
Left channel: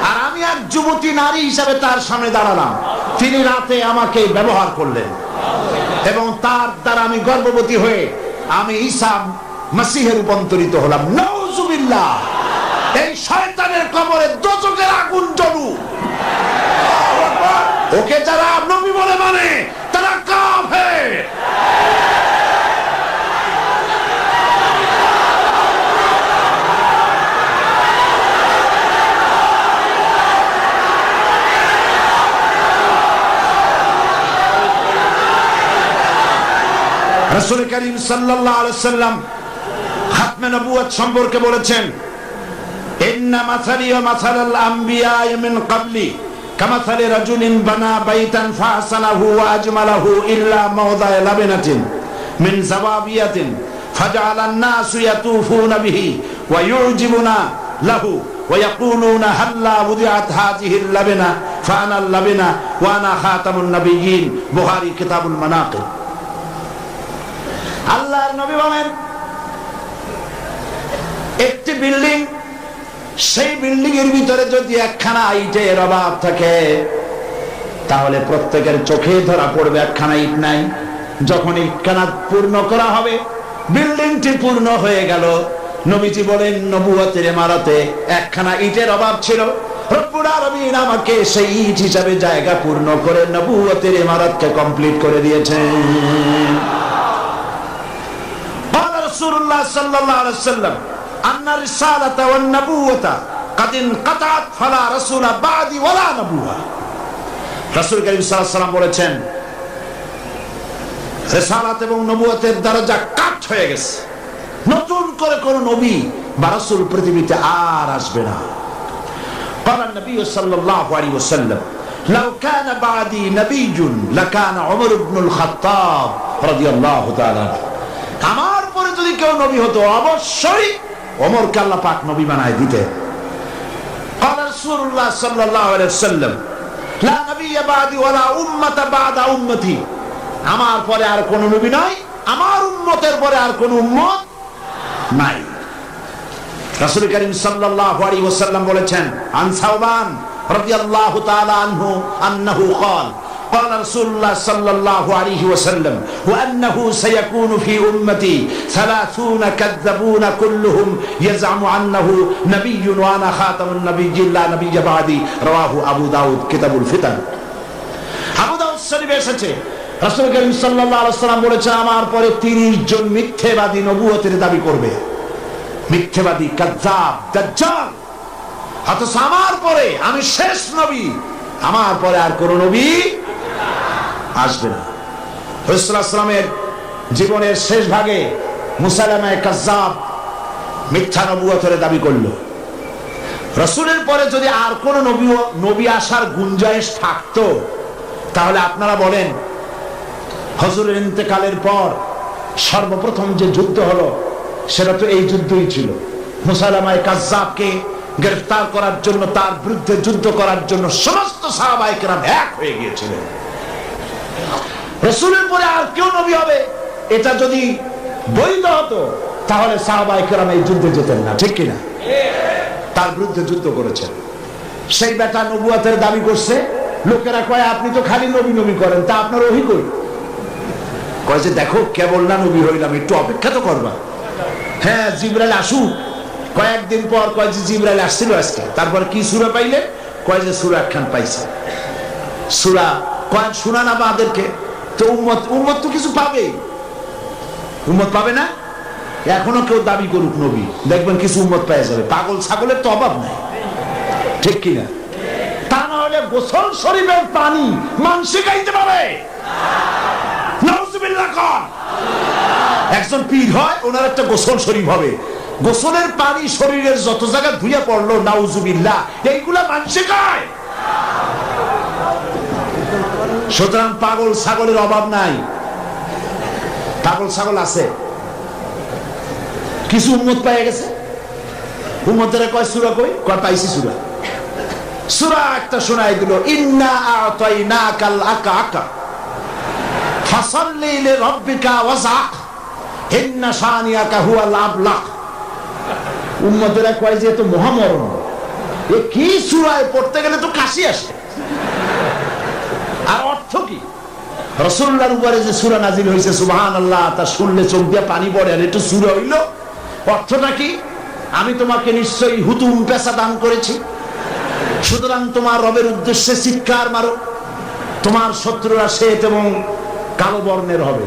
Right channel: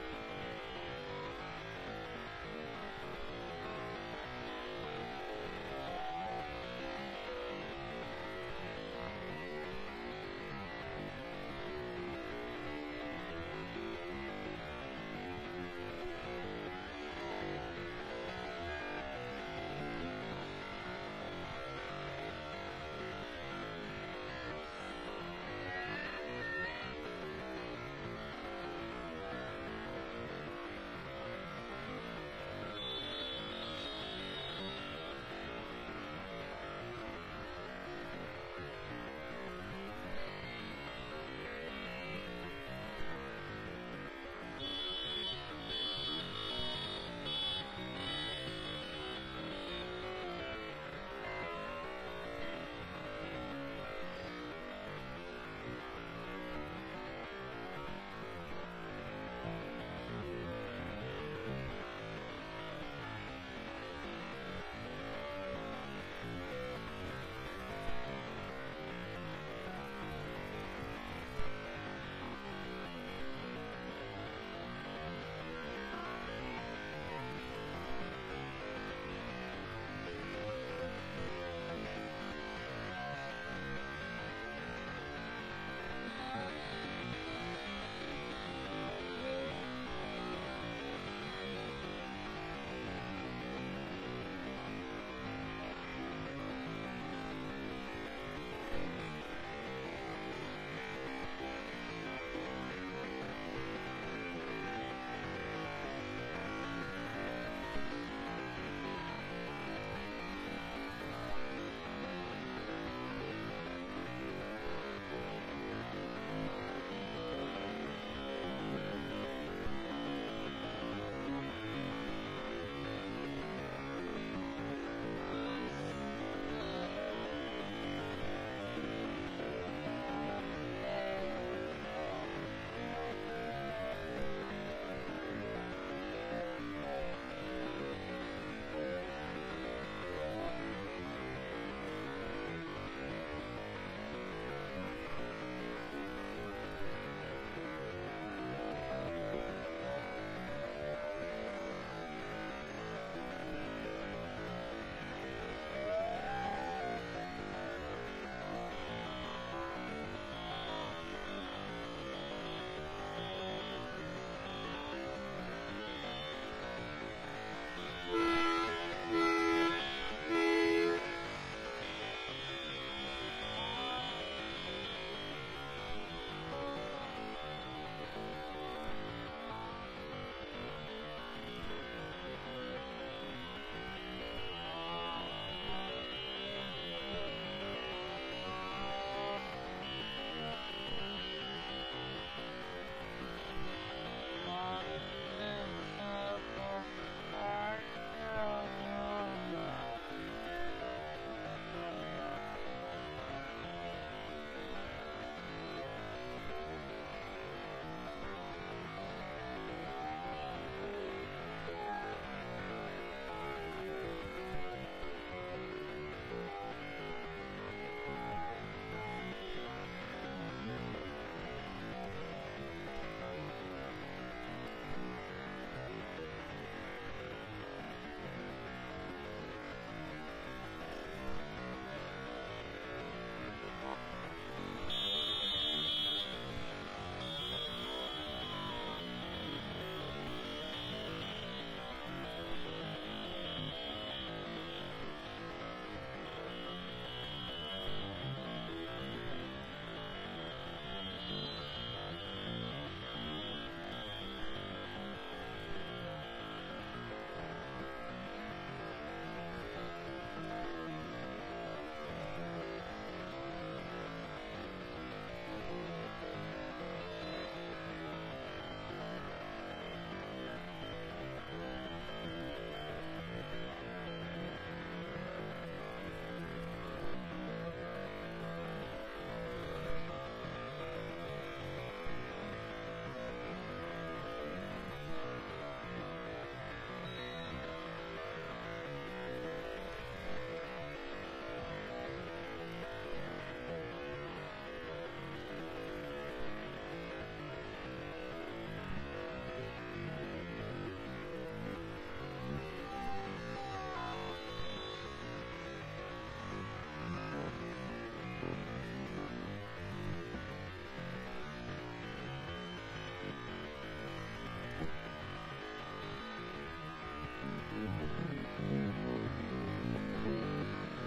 আর আমি এক যুবতী নারী হিসাবে তার সামনে দাঁড়ালাম। তিনি রাতে আমাকে ব্যবহার করলেন এবং তার দ্বারা আমি গর্ভবতী হয়ে আমি ঈসা মসিহে রূপান্তরিত হলাম। নাউযুবিল্লাহ। এই শয়তানের কবরে দোজখের আগুন জ্বলুক। ওকে যারা নবী বলে মানে তারা কাফের। रसूल करीम सल्लल्लाहु अलैहि वसल्लम খতমে নবুয়ত সম্পর্কে বলেছেন, ইন্না মাসালি ওয়া মাসালাল আমবিয়া মিন ক্বাবলি কামাসালি রাজুলিন বানা বাইতান ফাসানাহু ওয়া আজমালাহু ইল্লা মাওদা'a লাবিনাতিন মিন যাওয়াবিয়াতিন ফাজআলান নাসু ইয়াতুফুনা বিহি ওয়া ইউজিবুনা লাহু ওয়া ইয়াকুলুনা হাল্লা wudi'at হাযিহিল লাবিনা ফাআনা লাবিনা ওয়া আনা খাতামুন নাবিয়্যিন। বুখারী কিতাবুল মানাকিব। আল্লাহর নবী বলেন, একটি বিল্ডিং, সেই বিল্ডিং এর ভিতরে যদি একখানা ইটের অভাব থাকে তাহলে প্রত্যেকের চোখে ধরা পড়বে একখানা ইট নাই। যখন ইটখানা পূর্ণ করা হবে, বিল্ডিংটি পূর্ণ হয়ে গেল। নবীজি বলেন, নবুয়তের ইমারতে একখানা ইটের অভাব ছিল, রব্বুল আলামিন আমাকে সেই ইট হিসাবে জায়গা পূর্ণ করে নবুয়তের ইমারতকে কমপ্লিট করে দিয়েছেন। রাসূলুল্লাহ সাল্লাল্লাহু আলাইহি ওয়াসাল্লাম আন্না রিসালাতা ওয়ান নবুওয়াতা কাদ ইনকাতাত ফালা রাসূলা বাদি ওয়ালা নবুওয়া। রাসূল কারীম সাল্লাল্লাহু আলাইহি ওয়াসাল্লাম বলেছেন, রিসালাত এবং নবুয়তের দরজা কাট হয়ে গেছে, নতুন করে কোন নবী বা রাসূল পৃথিবীতে আর আসবে না। قال النبي صلى الله عليه وسلم لو كان بعدي نبي لكان عمر بن الخطاب رضي الله تعالى عنه। আমার পরে যদি কেউ নবী হতো অবশ্যই ওমরকে আল্লাহ পাক নবী বানায় দিতেন। قال رسول الله صلى الله عليه وسلم لا نبي بعدي ولا أمة بعد أمتي। আমার পরে আর কোন নবী নাই, আমার উম্মতের পরে আর কোন উম্মত নাই। রাসূল করিম সাল্লাল্লাহু আলাইহি ওয়াসাল্লাম বলেছেন, আন সাওবান রাদিয়াল্লাহু তাআলা আনহু আন্নাহু قال قال رسول الله صلى الله عليه وسلم وأنه سيكون في أمتي 30 كذبون كلهم يزعم أنه نبي وأنا خاتم النبيين لا نبي بعدي। رواه أبو داود كتاب الفتن। আবু দাউদ শরীফে এসেছে, রাসূল করিম সাল্লাল্লাহু আলাইহি ওয়াসাল্লাম বলেছেন, আমার পরে 30 জন মিথ্যাবাদী নবুয়তের দাবি করবে। মিথ্যাবাদী, কাযযাব, দাজ্জাল। অথচ আমার পরে আমি শেষ নবী, আমার পরে আর কোন নবী আসবে না। রাসূলুল্লাহ সাল্লাল্লাহু আলাইহি ওয়াসাল্লামের জীবনের শেষ ভাগে মুসাইলামা কাযযাব মিথ্যা নবুয়তের দাবি করলো। রাসূলের পরে যদি আর কোন নবী আসার গুঞ্জাইশ থাকতো, তাহলে আপনারা বলেন, হুজুরের ইন্তেকালের পর সর্বপ্রথম যে যুদ্ধ হলো সেটা তো এই যুদ্ধই ছিল। মুসাইলামা কাযযাবকে গ্রেফতার করার জন্য, তার বিরুদ্ধে যুদ্ধ করার জন্য সমস্ত সাহাবায়ে কেরাম এক হয়ে গিয়েছিলেন। রাসূলের পরে আর কেউ নবী হবে এটা যদি বৈধ হতো, তাহলে সাহাবায়ে কেরাম এই যুদ্ধে যেতেন না, ঠিক কিনা? তার বিরুদ্ধে যুদ্ধ করেছেন। সেই বেটা নবুয়তের দাবি করছে, লোকেরা কয় আপনি তো খালি নবী নবী করেন, তা আপনার ওহী কই? কয় যে দেখো, কেবল না নবী হইলাম, একটু অপেক্ষা তো করবা। হ্যাঁ, জিবরাইল আসুক। কয়েকদিন পর কয় যে জিবরাইল আসছিল আজকে। তারপর কি সূরা পাইলে? কয় যে সূরা একখান পাইছে। সূরা কয় শোনা না আমাদেরকে, তো উম্মত তো কিছু পাবে, উম্মত পাবে না? এখনো কেউ দাবি করুক নবী, দেখবেন কিছু উম্মত পেয়ে যাবে। পাগল ছাগলের তো অভাব নাই, ঠিক কিনা? তা না হলে গোসল শরীফের পানি মানসি গাইতে পারে। নাউজুবিল্লাহ। কর একজন পীর হয়, ওনার একটা গোসল শরীফ হবে, গোসলের পানি শরীরের যত জায়গা ধুইয়া পড়লো, নাউজুবিল্লাহ, এইগুলা মানসি গায়। সুতরাং পাগল ছাগলের অভাব নাই। পাগল ছাগল আছে, কিছু উম্মত পেয়ে গেছে। উম্মতের কয় সূরা কই? কয় পাইছি সূরা। সূরা একটা শোনাই দিল, ইন্না আ'তাইনাকাল আকা ফাসাল্লি লিরাব্বিকা ওয়াজআক ইন্না শানিয়াকা হুয়াল আবলাক। উম্মতেরা কয় যে তো মহামরণ, এ কি সূরায় পড়তে গেলে তো কাশি আসে। আর অর্থ কি? রাসূলুল্লাহর উপরে যে সূরা নাযিল হইছে, সুবহানাল্লাহ, তা শুনলে চোখ দিয়ে পানি পড়ে। আর এটা সূরা হইল, অর্থটা কি? আমি তোমাকে নিশ্চয়ই হুতুম পেশা দান করেছি, সুতরাং তোমার রবের উদ্দেশ্যে চিৎকার মারো, তোমার শত্রুরা শ্বেত এবং কালো বর্ণের হবে।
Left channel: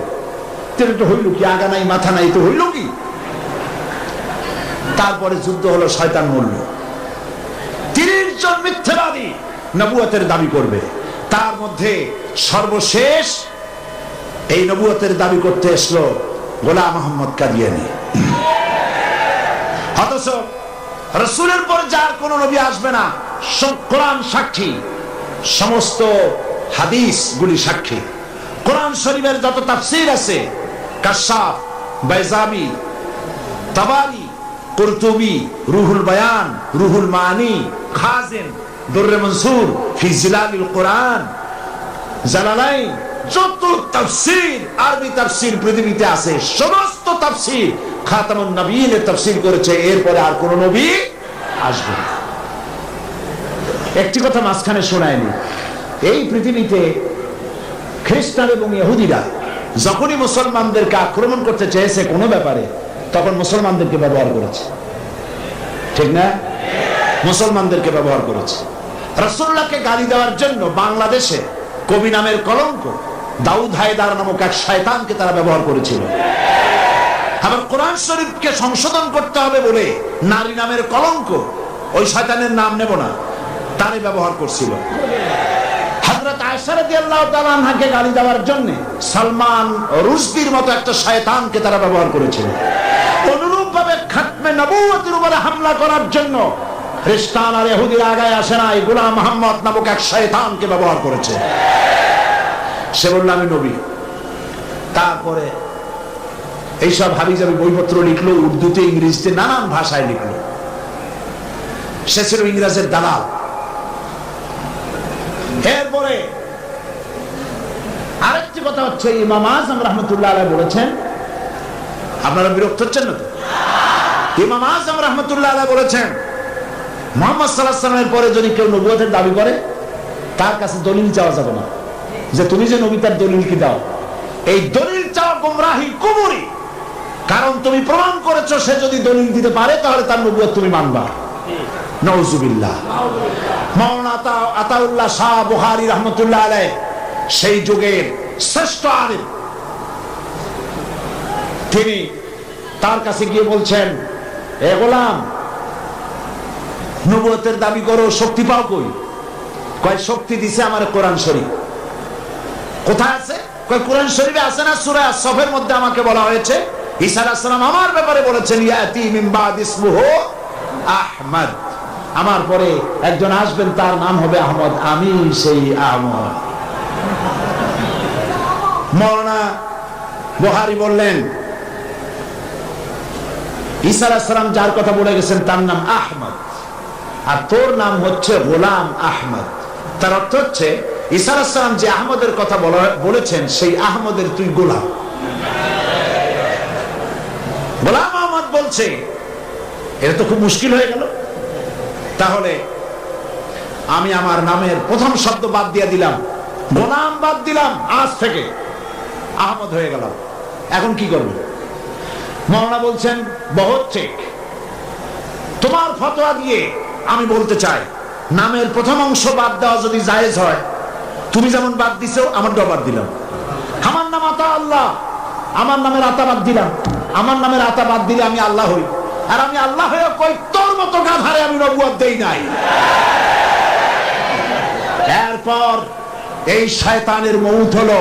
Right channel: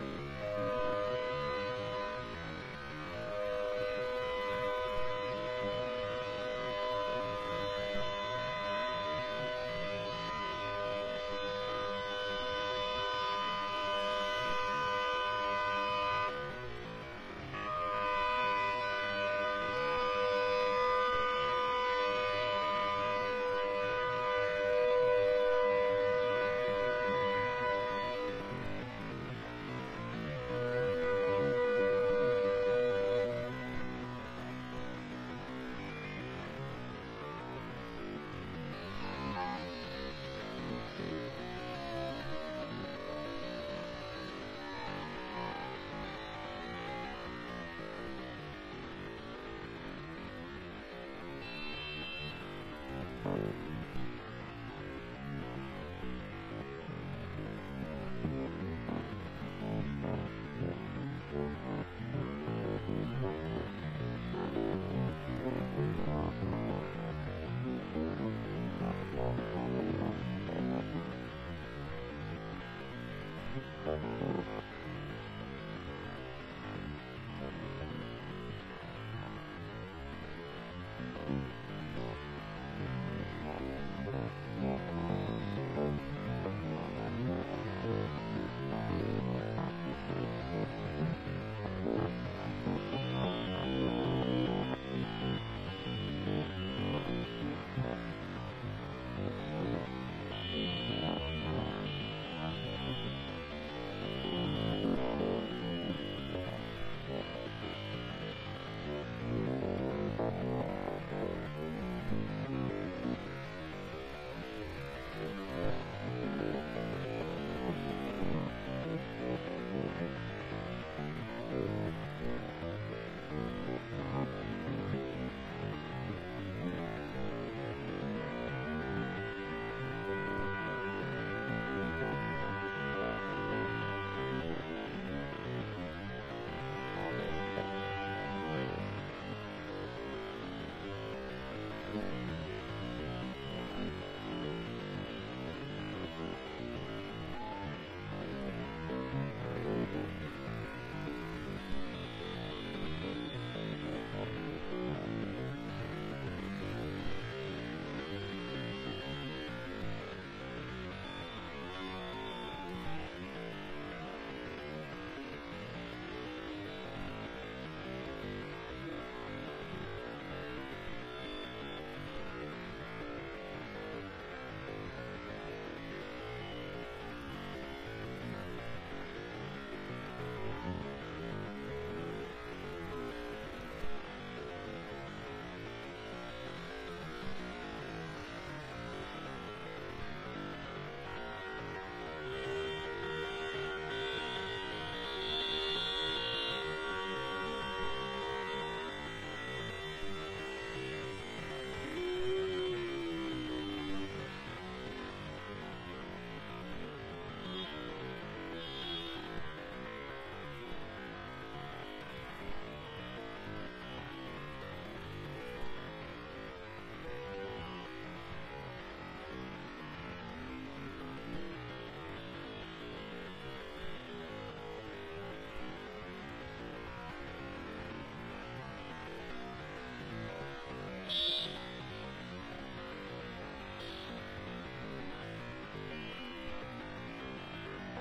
তো হইল কি? আগা নাই মাথা নাই, তো হইল কি? তারপরে যুদ্ধ হলো, শয়তান মরল। 30 জন মিথ্যাবাদী নবুয়তের দাবি করবে। তার মধ্যে সর্বশেষ এই নবুয়তের দাবি করতে এসলো গোলাম মোহাম্মদ কাদিয়ানী। অথচ রাসূলের পর যার কোন নবী আসবে না, কোরআন সাক্ষী, সমস্ত হাদিস গুলি সাক্ষী। কোরআন শরীফের যত তাফসীর আছে, কাশাফ, বাইজামি, তাবারি, কুরতুবি, রুহুল বায়ান, রুহুল মানি, খাজিন, দুররে মনসুর ফি জিলালিল কোরআন, জালালাইন, যত তাফসীর, আরবি তাফসীর পৃথিবীতে আছে, সমস্ত তাফসীর খাতামুন নবীয়্যিনের তাফসীর করেছে। এরপরে আর কোন নবী আসবে না। একটি কথা মাঝখানে শোনায়নি, এই পৃথিবীতে খ্রিস্টান এবং ইহুদিরা যখনই মুসলমানদেরকে আক্রমণ করতে চেয়েছে কোনো ব্যাপারে, তখন মুসলমানদেরকে ব্যবহার করেছে, ঠিক না? মুসলমানদেরকে ব্যবহার করেছে। রাসূলুল্লাহকে গালি দেওয়ার জন্য বাংলাদেশে কবি নামের কলঙ্ক দাউদ হায়দার নামক এক শয়তানকে তারা ব্যবহার করেছিল। আবার কোরআন শরীফকে সংশোধন করতে হবে বলে নারী নামের কলঙ্ক, ওই শয়তানের নাম নেব না, তারে ব্যবহার করছিল। হযরত আয়েশা রাদিয়াল্লাহু তাআলা আনহাকে গালি দেওয়ার জন্য সালমান রুশদির মতো একটা শয়তানকে তারা ব্যবহার করেছিল। অনুরূপ ভাবে খাতমে নবুয়তের উপরে হামলা করার জন্য খ্রিস্টান আর ইহুদিরা আগায় আসে না, এই গোলাম মুহাম্মদ নামক এক শয়তানকে ব্যবহার করেছে। সে বলল আমি নবী। তারপরে এইসব হাবিজাবি বইপত্র লিখলো, উর্দুতে, ইংরেজিতে, নানান ভাষায় লিখলো। সে ছিল ইংরেজের দালাল। এরপরে আরেকটি কথা হচ্ছে, ইমাম আযম রাহমাতুল্লাহ আলাইহি বলেছেন, আপনারা বিরক্ত হচ্ছেন না তো? ইমাম আযম রাহমাতুল্লাহ আলাইহি বলেছেন, মুহাম্মদ সাল্লাল্লাহু আলাইহি ওয়াসাল্লামের পরে যদি কেউ নবুয়তের দাবি করে, তার কাছে দলিল চাওয়া যাবে না, যে তুমি যে নবী তার দলিল কি দাও। এই দলিল চাওয়া গোমরাহি, কুফরি। কারণ তুমি প্রমাণ করেছো সে যদি দলিল দিতে পারে তাহলে তার নবুয়ত তুমি মানবা। নাউজুবিল্লাহ। মাওলানা আতাউল্লাহ শাহ বুখারী রাহমাতুল্লাহ আলাইহি সেই যুগের শ্রেষ্ঠ আলেম, তিনি তার কাছে গিয়ে বলছেন, এ গোলাম, নবুয়তের দাবি করো, শক্তি পাও কই? কয় শক্তি দিছে আমার কোরআন শরীফ। কোথায় আছে? কয় কোরআন শরীফে আছে না, সূরা আস-সফের মধ্যে আমাকে বলা হয়েছে ঈসা আলাইহিস সালাম আমার ব্যাপারে বলেছেন, ইয়াতি মিন বাদ ইসমুহু আহমদ, আমার পরে একজন আসবেন তার নাম হবে আহমদ, আমি সেই আহমদ। মাওলানা বুখারী বললেন, ঈসা আলাইহিস সালাম যার কথা বলে গেছেন তার নাম আহমদ, আর তোর নাম হচ্ছে গোলাম আহমদ। তার অর্থ হচ্ছে ঈসা আলাইহিস সালাম যে আহমদের কথা বলেছেন সেই আহমদের তুই গোলাম। গোলাম আহমদ বলছে, এটা তো খুব মুশকিল হয়ে গেল। তাহলে আমি আমার নামের প্রথম শব্দ বাদ দিয়ে দিলাম, গোলাম বাদ দিলাম, আজ থেকে আহমদ হয়ে গেলাম। এখন কি করব? মাওলানা বলছেন, বহুত ঠিক, তোমার ফতোয়া দিয়ে আমি বলতে চাই, নামের প্রথম অংশ বাদ দেওয়া যদি জায়েজ হয়, তুমি যেমন বাদ দিছো আমারটাও বাদ দিলাম। আমার নাম আতা আল্লাহ, আমার নামের আতা বাদ দিলাম। আমার নামের আতা বাদ দিলে আমি আল্লাহ হই, আর আমি আল্লাহ হয়ে কই তোর মতো গাধারে আমি নবুয়ত দেই নাই। এরপর এই শয়তানের মউত হলো,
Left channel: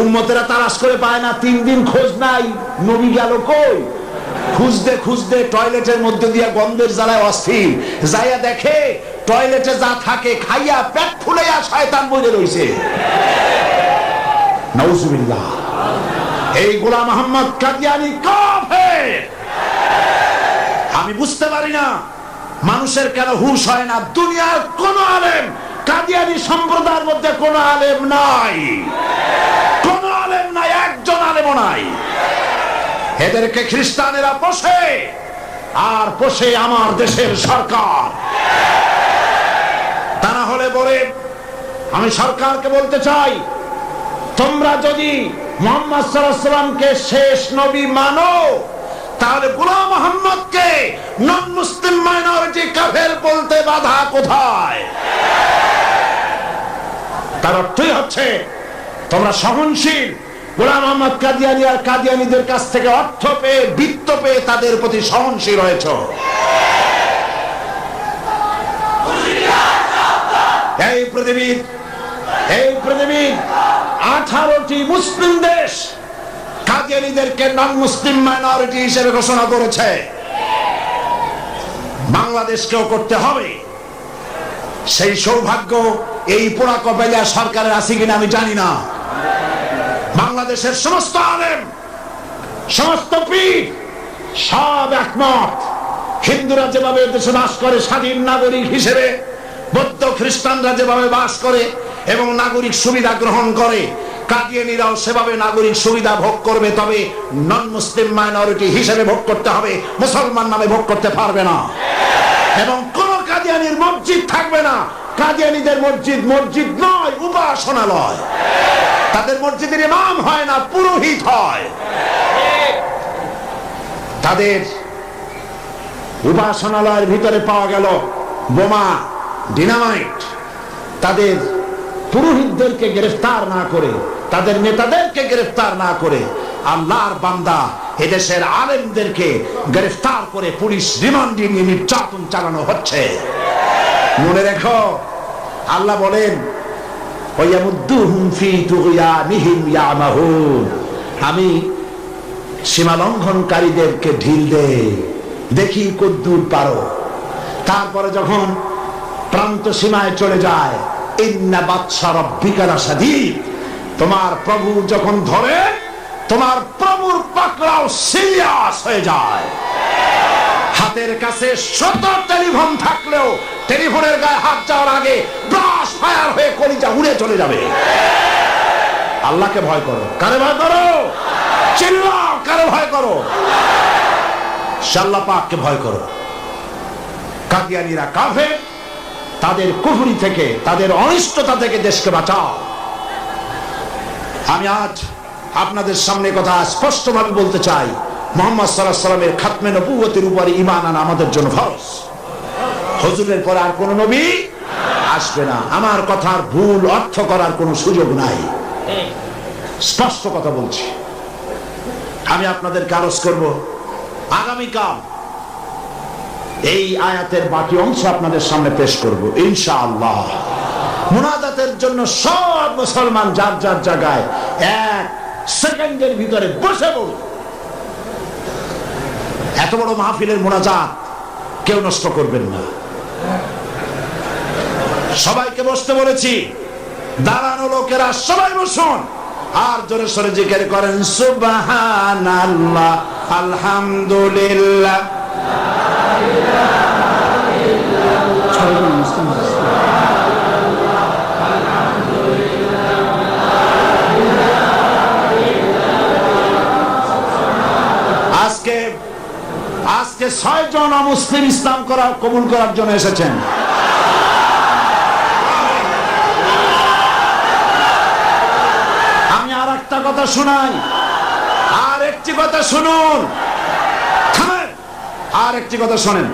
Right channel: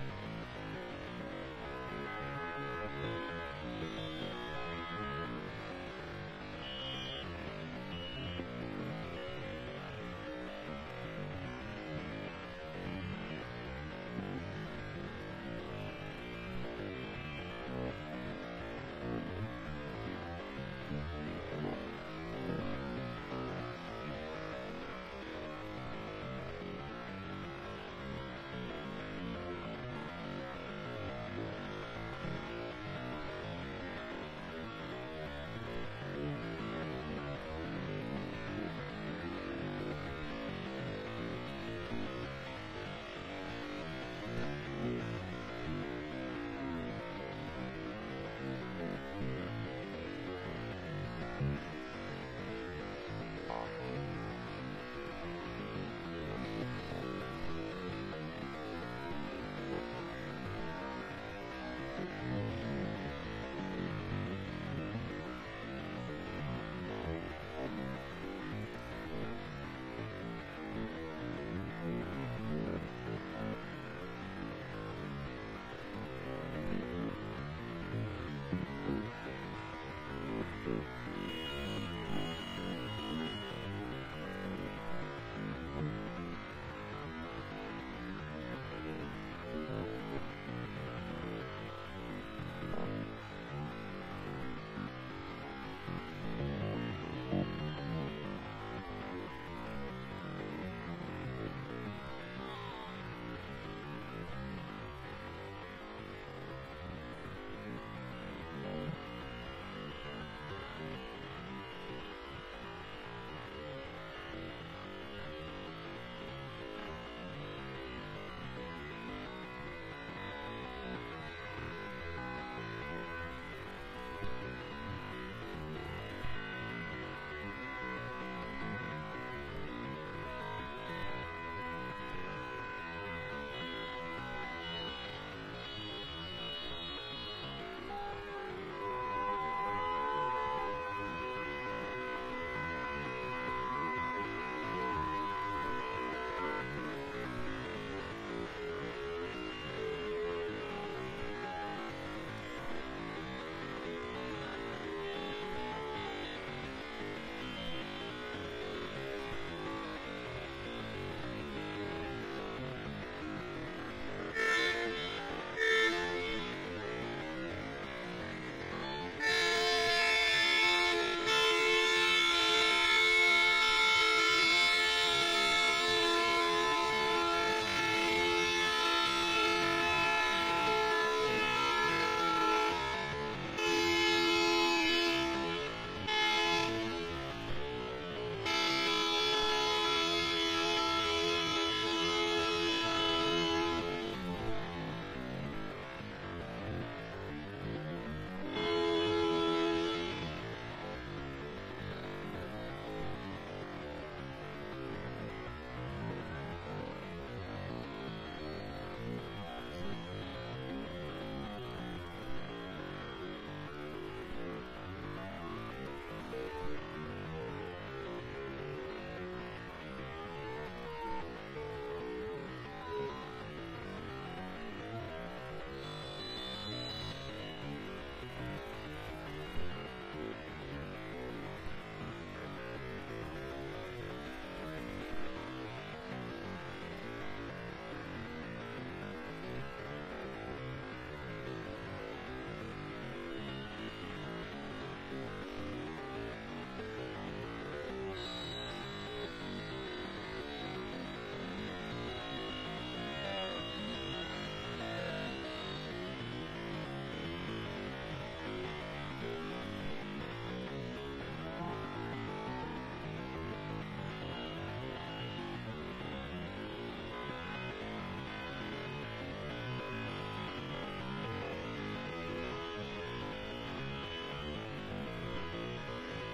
উম্মতেরা তালাশ করে পায় না, 3 দিন খোঁজ নাই, নবী গেল কই? খুঁজতে খুঁজতে টয়লেটের মধ্যে দিয়ে গন্ধের জ্বালায় অস্থির, যাইয়া দেখে টয়লেটে যা থাকে খাইয়া পেট ফুলাইয়া শয়তান বইরে রইছে। নাউজুবিল্লাহ। এই গোলাম মুহাম্মদ কাদিয়ানী কাফের। আমি বুঝতে পারি না মানুষের কেন হুঁশ হয় না। দুনিয়ার কোন আলেম, কাদিয়ানী সম্প্রদায়ের মধ্যে কোন আলেম নাই, কোন আলেম নাই, একজন আলেমও নাই। এদেরকে খ্রিস্টানেরা পোষে, আর পোষে আমার দেশের সরকার। তা না হলে বলে, আমি সরকারকে বলতে চাই, তোমরা যদি মুহাম্মদ সাল্লাল্লাহু আলাইহি ওয়াসাল্লামকে শেষ নবী মানো, তাহলে গোলাম মুহাম্মদকে নন মুসলিম মাইনরিটি কাফের বলতে বাধা কোথায়? তার অর্থই হচ্ছে তোমরা সহনশীল, গোলাম মুহাম্মদ কাদিয়ানী আর কাদিয়ানীদের কাছ থেকে অর্থ পেয়ে, বৃত্ত পেয়ে তাদের প্রতি সহনশীল হয়েছ। এই পৃথিবীর 18টি মুসলিম দেশ কাদিয়ানীদেরকে নন মুসলিম মাইনরিটি হিসেবে ঘোষণা করেছে। বাংলাদেশকেও করতে হবে। সেই সৌভাগ্য এই পোড়া কপাইলা সরকারের আছে কিনা আমি জানি না। বাংলাদেশের সমস্ত আলেম, সমস্ত পীর সব একমত, হিন্দুরা যেভাবে দেশে বাস করে স্বাধীন নাগরিক হিসেবে, বৌদ্ধ খ্রিস্টানরা যেভাবে বাস করে এবং নাগরিক সুবিধা গ্রহণ করে, কাদিয়ানীরাও সেভাবে নাগরিক সুবিধা ভোগ করবে। তবে নন মুসলিম মাইনরিটি হিসেবে ভোগ করতে হবে, মুসলমান নামে ভোগ করতে পারবে না। এবং কোন কাদিয়ানীর মসজিদ থাকবে না। কাদিয়ানীদের মসজিদ মসজিদ নয়, উপাসনালয়। তাদের মসজিদের ইমাম হয় না, পুরোহিত হয়। তাদের উপাসনালয়ের ভিতরে পাওয়া গেল বোমা, ডিনামাইট। তাদের পুরোহিতদেরকে গ্রেফতার না করে, তাদের নেতাদেরকে গ্রেফতার না করে আল্লাহর বান্দা এদেশের আলেমদেরকে গ্রেফতার করে পুলিশ রিমান্ডে নিয়ে নির্যাতন চালানো হচ্ছে। মনে রেখো, আল্লাহ বলেন আমি সীমা লঙ্ঘনকারীদেরকে ঢিল দে, দেখি কদ্দুর পারো। তারপরে যখন প্রান্ত সীমায় চলে যায়, ইন্না বাতশা রাব্বিকা লাশাদীদ, তোমার প্রভু যখন ধরে, তোমার প্রভুর পাকড়াও সিরিয়াস হয়ে যায়। হাতের কাছে শত টেলিফোন থাকলেও টেলিফোনের গায়ে হাত যাওয়ার আগে ব্রাশ ফায়ার হয়ে কলিজা উড়ে চলে যাবে। আল্লাহকে ভয় করো। কারে ভয় করো? চিল্লাও, কারে ভয় করো? আল্লাহ পাককে ভয় করো। কাদিয়ানীরা কাফের, তাদের কুফরি থেকে, তাদের অনিষ্টতা থেকে দেশকে বাঁচাও। আমি আজ আপনাদের সামনে কথা স্পষ্টভাবে বলতে চাই, মুহাম্মদ সাল্লাল্লাহু আলাইহি ওয়াসাল্লামের খাতমে নবুয়তের উপরে ঈমান আনা আমাদের জন্য ফরজ। হুজুরের পরে আর কোন নবী আসবে না। আমার কথার ভুল অর্থ করার কোনো সুযোগ নাই, স্পষ্ট কথা বলছি। আমি আপনাদেরকে আরজ করব, আগামীকাল এই আয়াতের বাকি অংশ আপনাদের সামনে পেশ করব ইনশাআল্লাহ। মুনাজাতের জন্য সব মুসলমান যার যার জায়গায় এক সেকেন্ডের ভিতরে বসে পড়ুন। এত বড় মাহফিলের মুনাজাত কেউ নষ্ট করবেন না। সবাইকে বসতে বলেছি, দাঁড়ানো লোকেরা সবাই বসুন আর জোরে সোরে জিকির করেন সুবহানাল্লাহ, আলহামদুলিল্লাহ। আজকে 6 জন মুসলিম ইসলাম কবুল করার জন্য এসেছেন। আমি আর একটা কথা শোনাই, আর একটি কথা শুনুন, আর একটি কথা শোনেন।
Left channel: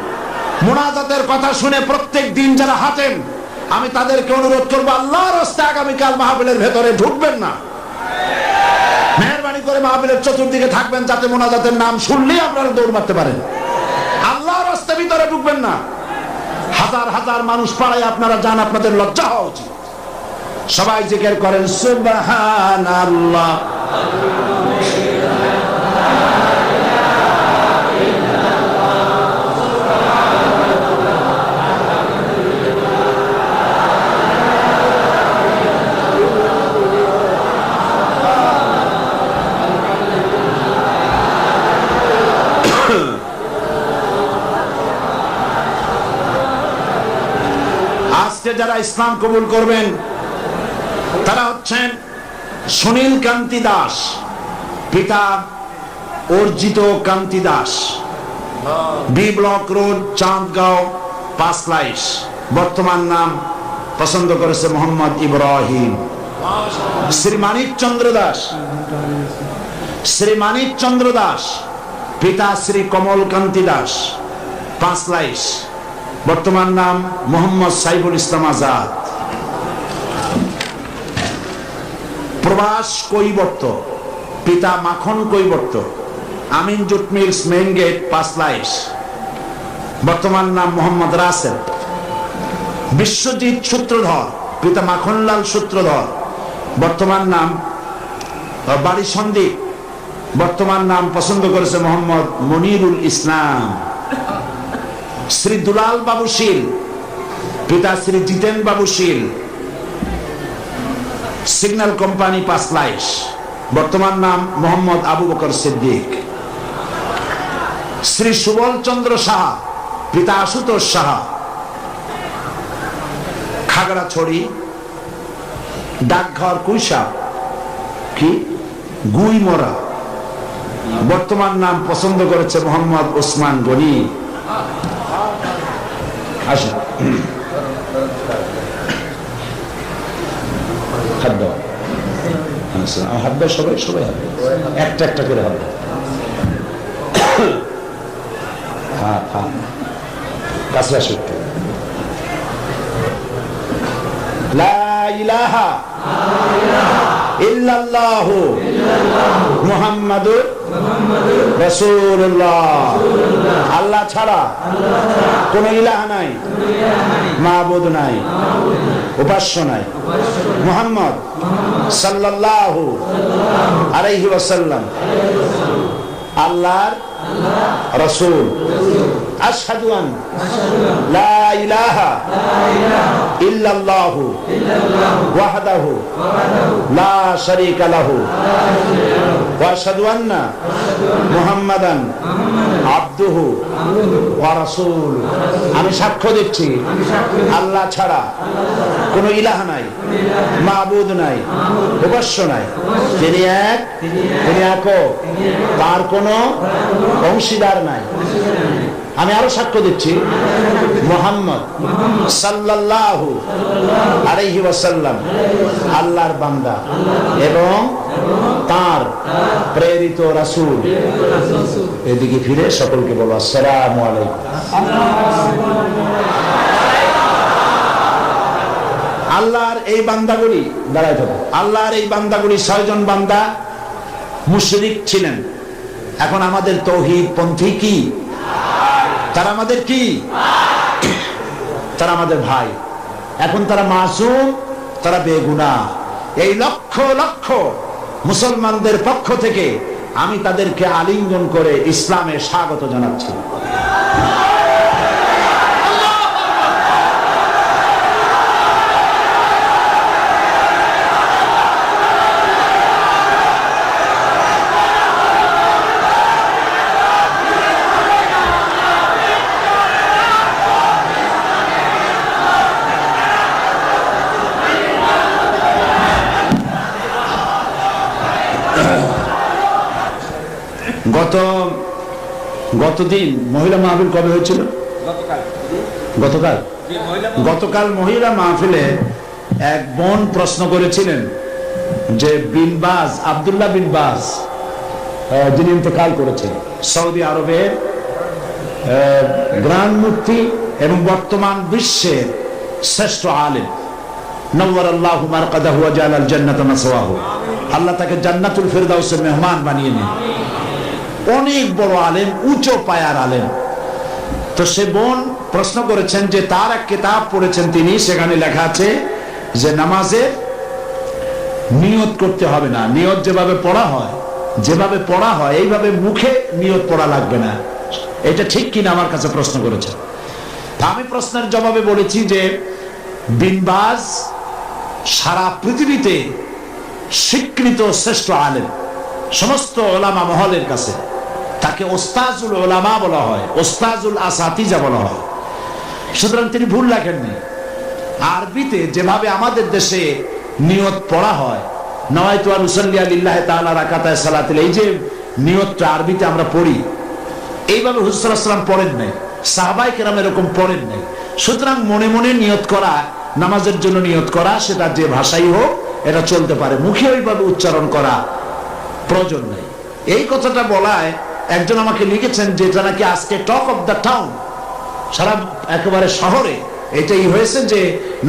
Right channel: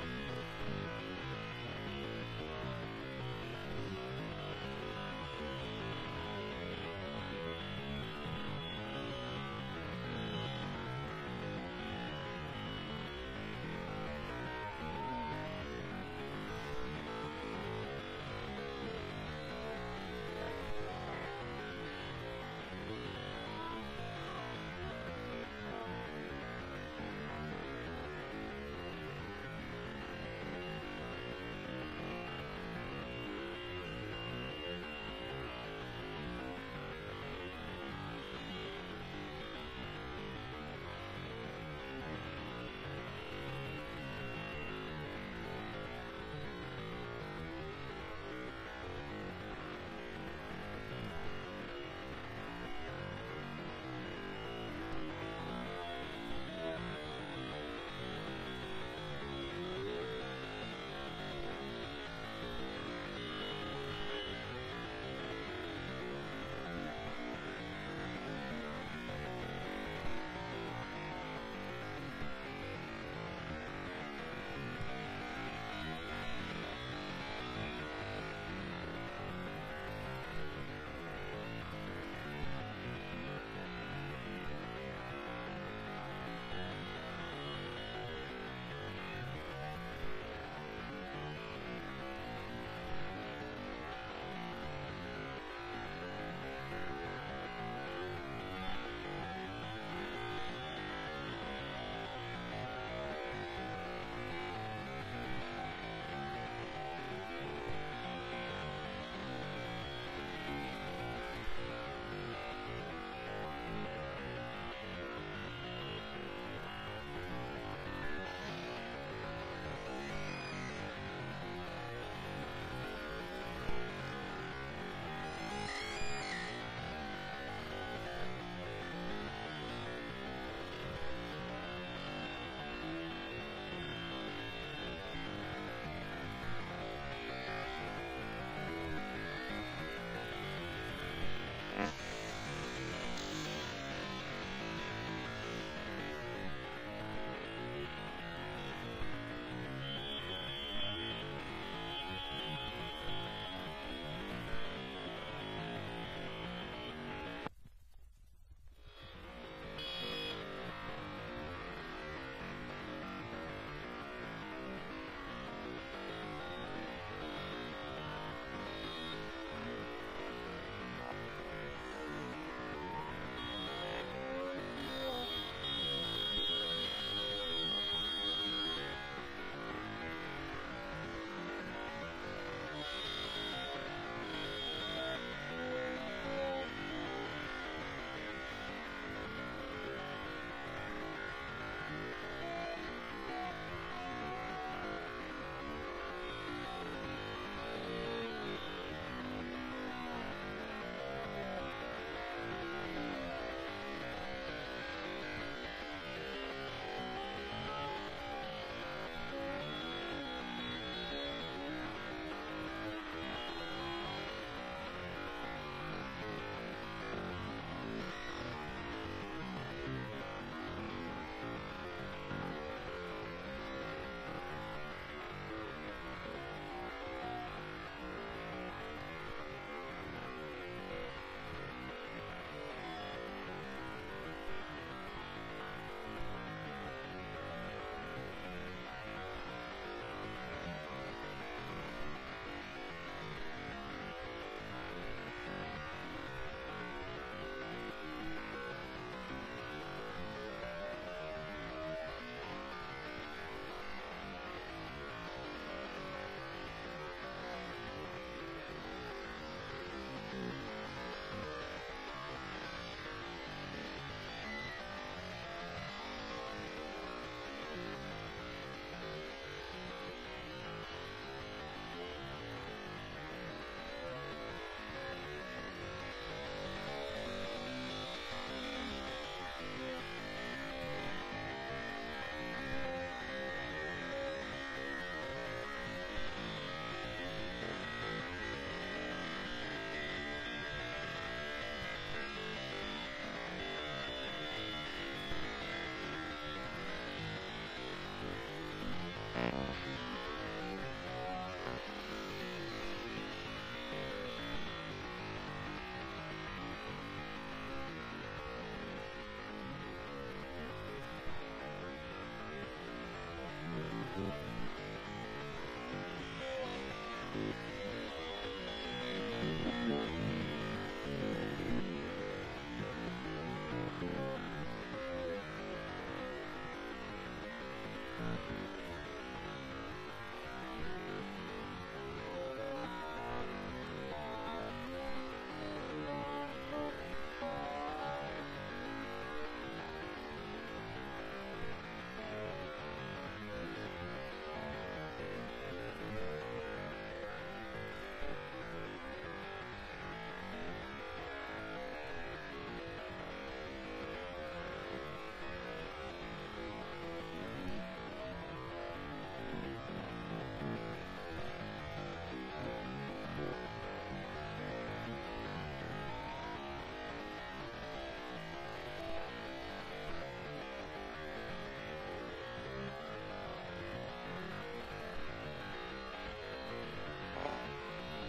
মুনাজাতের কথা শুনে প্রত্যেক দিন যারা হাঁটেন, আমি তাদেরকে অনুরোধ করবো, আল্লাহর রাস্তায় আগামীকাল মাহফিলের ভেতরে ঢুকবেন না। মেহরবানি করে মাহফিলের চতুর্দিকে থাকবেন, যাতে মুনাজাতের নাম শুনলেই আপনারা দৌড় মারতে পারেন। আল্লাহর রাস্তায় ভিতরে ঢুকবেন না। হাজার হাজার মানুষ পাড়ায় আপনারা যান, আপনাদের লজ্জা হওয়া উচিত। সবাই জিকির করেন সুবহানাল্লাহ। আজকে যারা ইসলাম কবুল করবেন তারা হচ্ছেন সুনীল কান্তি দাস, পিতা Arjit Kanti Das, B block road, Chandgaon, Panchlaish. বর্তমান নাম পছন্দ করেছে মোহাম্মদ ইব্রাহিম। শ্রী মানিক চন্দ্র দাস, শ্রী মানিক চন্দ্র দাস, পিতা শ্রী কমল কান্তি দাস, পাঁচলাইশ। বর্তমান নাম মোহাম্মদ সাইফুল ইসলাম আজাদ। প্রবাস কৈবর্ত, পিতা Makhan Kaibarta, Amin jute mills, main gate, Panchlaish. বর্তমান নাম মোহাম্মদ রাসেল। বিশ্বজিৎ সূত্রধর, পিতা মাখনলাল সূত্রধর, বর্তমান নাম বাড়ি সন্দীপ। বর্তমান নাম পছন্দ করেছে মোহাম্মদ মনিরুল ইসলাম। শ্রী দুলাল বাবু শীল, পিতা শ্রী জিতেন বাবু শীল, সিগন্যাল কোম্পানি পাঁচলাইশ, বর্তমান নাম মোহাম্মদ আবু বকর সিদ্দিক। শ্রী সুবল চন্দ্র সাহা, পিতা আশুতোষ সাহা, খাগড়াছড়ি, ডাকঘর কুইসা কি গুইমরা, বর্তমান নাম পছন্দ করেছে মোহাম্মদ ওসমান গনি। আসুন হাত দাও, হাত দাও, সবাই সবাই হাত দাও, একটা একটা করে হাত দাও। হ্যাঁ হ্যাঁ, কাছে আসো একটু। লা ইলাহা ইল্লাল্লাহু মুহাম্মাদুর রাসূলুল্লাহ। আল্লাহ ছাড়া কোন ইলাহ নাই, মাবুদ নাই, উপাস্য নাই। মুহাম্মদ সাল্লাল্লাহু আলাইহি ওয়াসাল্লাম আল্লাহর রাসূল। আশহাদু আন লা ইলাহা ইল্লাল্লাহু ওয়াহদাহু লা শারীকা লাহু ওয়া আশহাদু আন্না মুহাম্মাদান আবদুহু ওয়া রাসূলুহু। আমি সাক্ষ্য দিচ্ছি আল্লাহ ছাড়া কোন ইলাহ নাই, মাবুদ নাই, উপাস্য নাই। তিনি এক, তিনি একক, তার কোনো অংশীদার নাই। আমি আরো সাক্ষ্য দিচ্ছি মুহাম্মদ সাল্লাল্লাহু আলাইহি ওয়াসাল্লাম আল্লাহর বান্দা এবং তার প্রেরিত রাসূল। এদিকে ফিরে সকলকে বলো আসসালামু আলাইকুম। আল্লাহর এই বান্দাগুলি দাঁড়ায় থাকো। আল্লাহর এই বান্দাগুলি 6 জন বান্দা মুশরিক ছিলেন। এখন আমাদের তাওহীদ পন্থী কি? তারা আমাদের কি? তারা আমাদের ভাই। এখন তারা মাসুম, তারা বেগুনাহ। এই লক্ষ লক্ষ মুসলমানদের পক্ষ থেকে আমি তাদেরকে আলিঙ্গন করে ইসলামে স্বাগত জানাচ্ছি। গতদিন মহিলা মাহফিল কবে হয়েছিল? গতকাল মহিলা মাহফিলে এক বোন প্রশ্ন করেছিলেন যে বিন বাজ, আব্দুল্লাহ বিন বাজ, যিনি ইন্তেকাল করেছেন, সৌদি আরবের গ্রান্ড মুফতি এবং বর্তমান বিশ্বের শ্রেষ্ঠ আলেম, নওয়ারাল্লাহু মারকাদাহু ওয়া জাআলাল জান্নাতা মাসওয়াহু। আল্লাহ তাকে জান্নাতুল ফেরদাউসের মেহমান বানিয়ে নেন। অনেক বড় আলেম, উঁচু পায়ার আলেম। তো সে বোন প্রশ্ন করেছেন যে তার এক কিতাব পড়েছেন তিনি, সেখানে লেখা আছে যে নামাজে নিয়ত করতে হবে না। নিয়ত যেভাবে পড়া হয় এইভাবে মুখে নিয়ত পড়া লাগবে না। এটা ঠিক কিনা আমার কাছে প্রশ্ন করেছে। আমি প্রশ্নের জবাবে বলেছি যে বিন বাজ সারা পৃথিবীতে স্বীকৃত শ্রেষ্ঠ আলেম, সমস্ত ওলামা মহলের কাছে তাকে ওস্তাজুল ওলামা বলা হয়, ওস্তাজুল আসাতিজা বলা হয়। সুতরাং তিনি ভুল লেখেননি। আরবিতে যেভাবে আমাদের দেশে নিয়ত পড়া হয়, নওয়াইতু আন উসাল্লি লিল্লাহি তাআলা রাকাতায় সালাতিল, এই যে নিয়তটা আরবিতে আমরা পড়ি, এইভাবে হুজুর সাল্লাল্লাহু আলাইহি ওয়াসাল্লাম পড়েন নাই, সাহাবায়ে কেরাম এরকম পড়েন নাই। সুতরাং মনে মনে নিয়ত করা, নামাজের জন্য নিয়ত করা, সেটা যে ভাষাই হোক এটা চলতে পারে, মুখে ওইভাবে উচ্চারণ করা প্রয়োজন নেই। এই কথাটা বলায় একজন আমাকে লিখেছেন যে এটা নাকি আজকে টক অফ দ্য টাউন, সারা একেবারে শহরে এটাই হয়েছে যে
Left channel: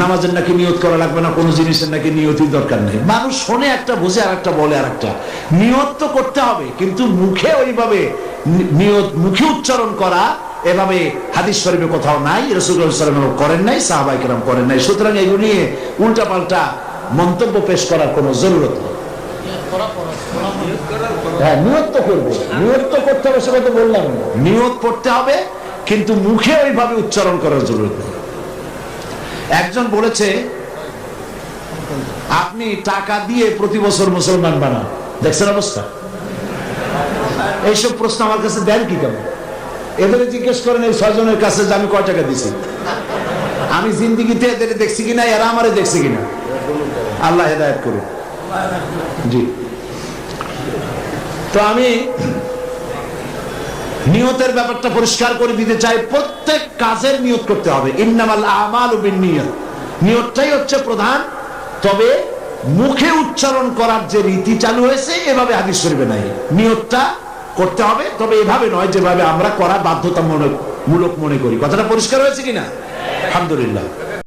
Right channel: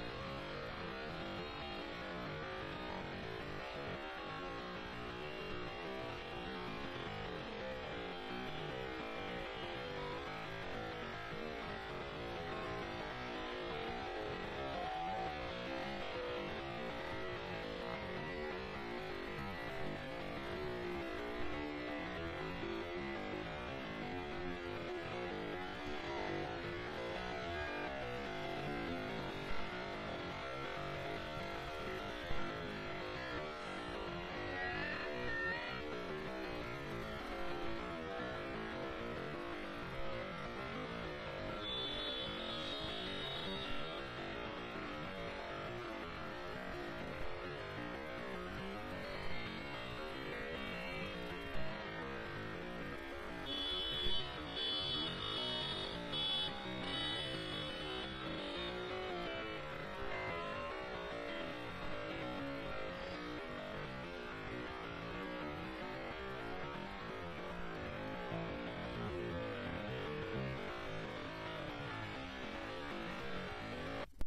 নামাজের নাকি নিয়ত করা লাগবে না, কোনো জিনিসের নাকি নিয়তই দরকার নেই। মানুষ শোনে একটা, বুঝে আর একটা, বলে আর একটা। নিয়ত তো করতে হবে, কিন্তু মুখে ওইভাবে নিয়ত, মুখে উচ্চারণ করা এভাবে হাদিস শরীফে কোথাও নাই, রাসূলুল্লাহ সাল্লাল্লাহু আলাইহি ওয়াসাল্লাম করেন নাই, সাহাবায়ে কেরাম করেন নাই। সুতরাং এগুলো নিয়ে উল্টাপাল্টা মন্তব্য পেশ করার কোনো জরুরত নেই। হ্যাঁ, নিয়ত তো করবো, নিয়ত তো করতে হবে, সেটা তো বললাম। নিয়ত পড়তে হবে, কিন্তু মুখে ওইভাবে উচ্চারণ করার জরুরত নেই। একজন বলেছে আপনি টাকা দিয়ে প্রতি বছর মুসলমান বানান, দেখছেন অবস্থা? এইসব প্রশ্ন আমার কাছে দেন কি কেন? এবারে জিজ্ঞেস করেন এই 6 জনের কাছে যে আমি কয় টাকা দিছি, আমি জিন্দিগিতে এদের দেখছি কিনা, এরা আমারে দেখছে কিনা। আল্লাহ হেদায়েত করুন। জি, তো আমি নিয়তের ব্যাপারটা পরিষ্কার করে দিতে চাই। প্রত্যেক কাজের নিয়ত করতে হবে। ইন্নামাল আমালু বিন্নিয়াত, নিয়তটাই হচ্ছে প্রধান। তবে মুখে উচ্চারণ করার যে রীতি চালু হয়েছে এভাবে হাদিস শরীফে নাই। নিয়তটা করতে হবে, তবে এভাবে নয় যেভাবে আমরা করা বাধ্যতামূলক মনে করি। কথাটা পরিষ্কার হয়েছে কিনা? আলহামদুলিল্লাহ।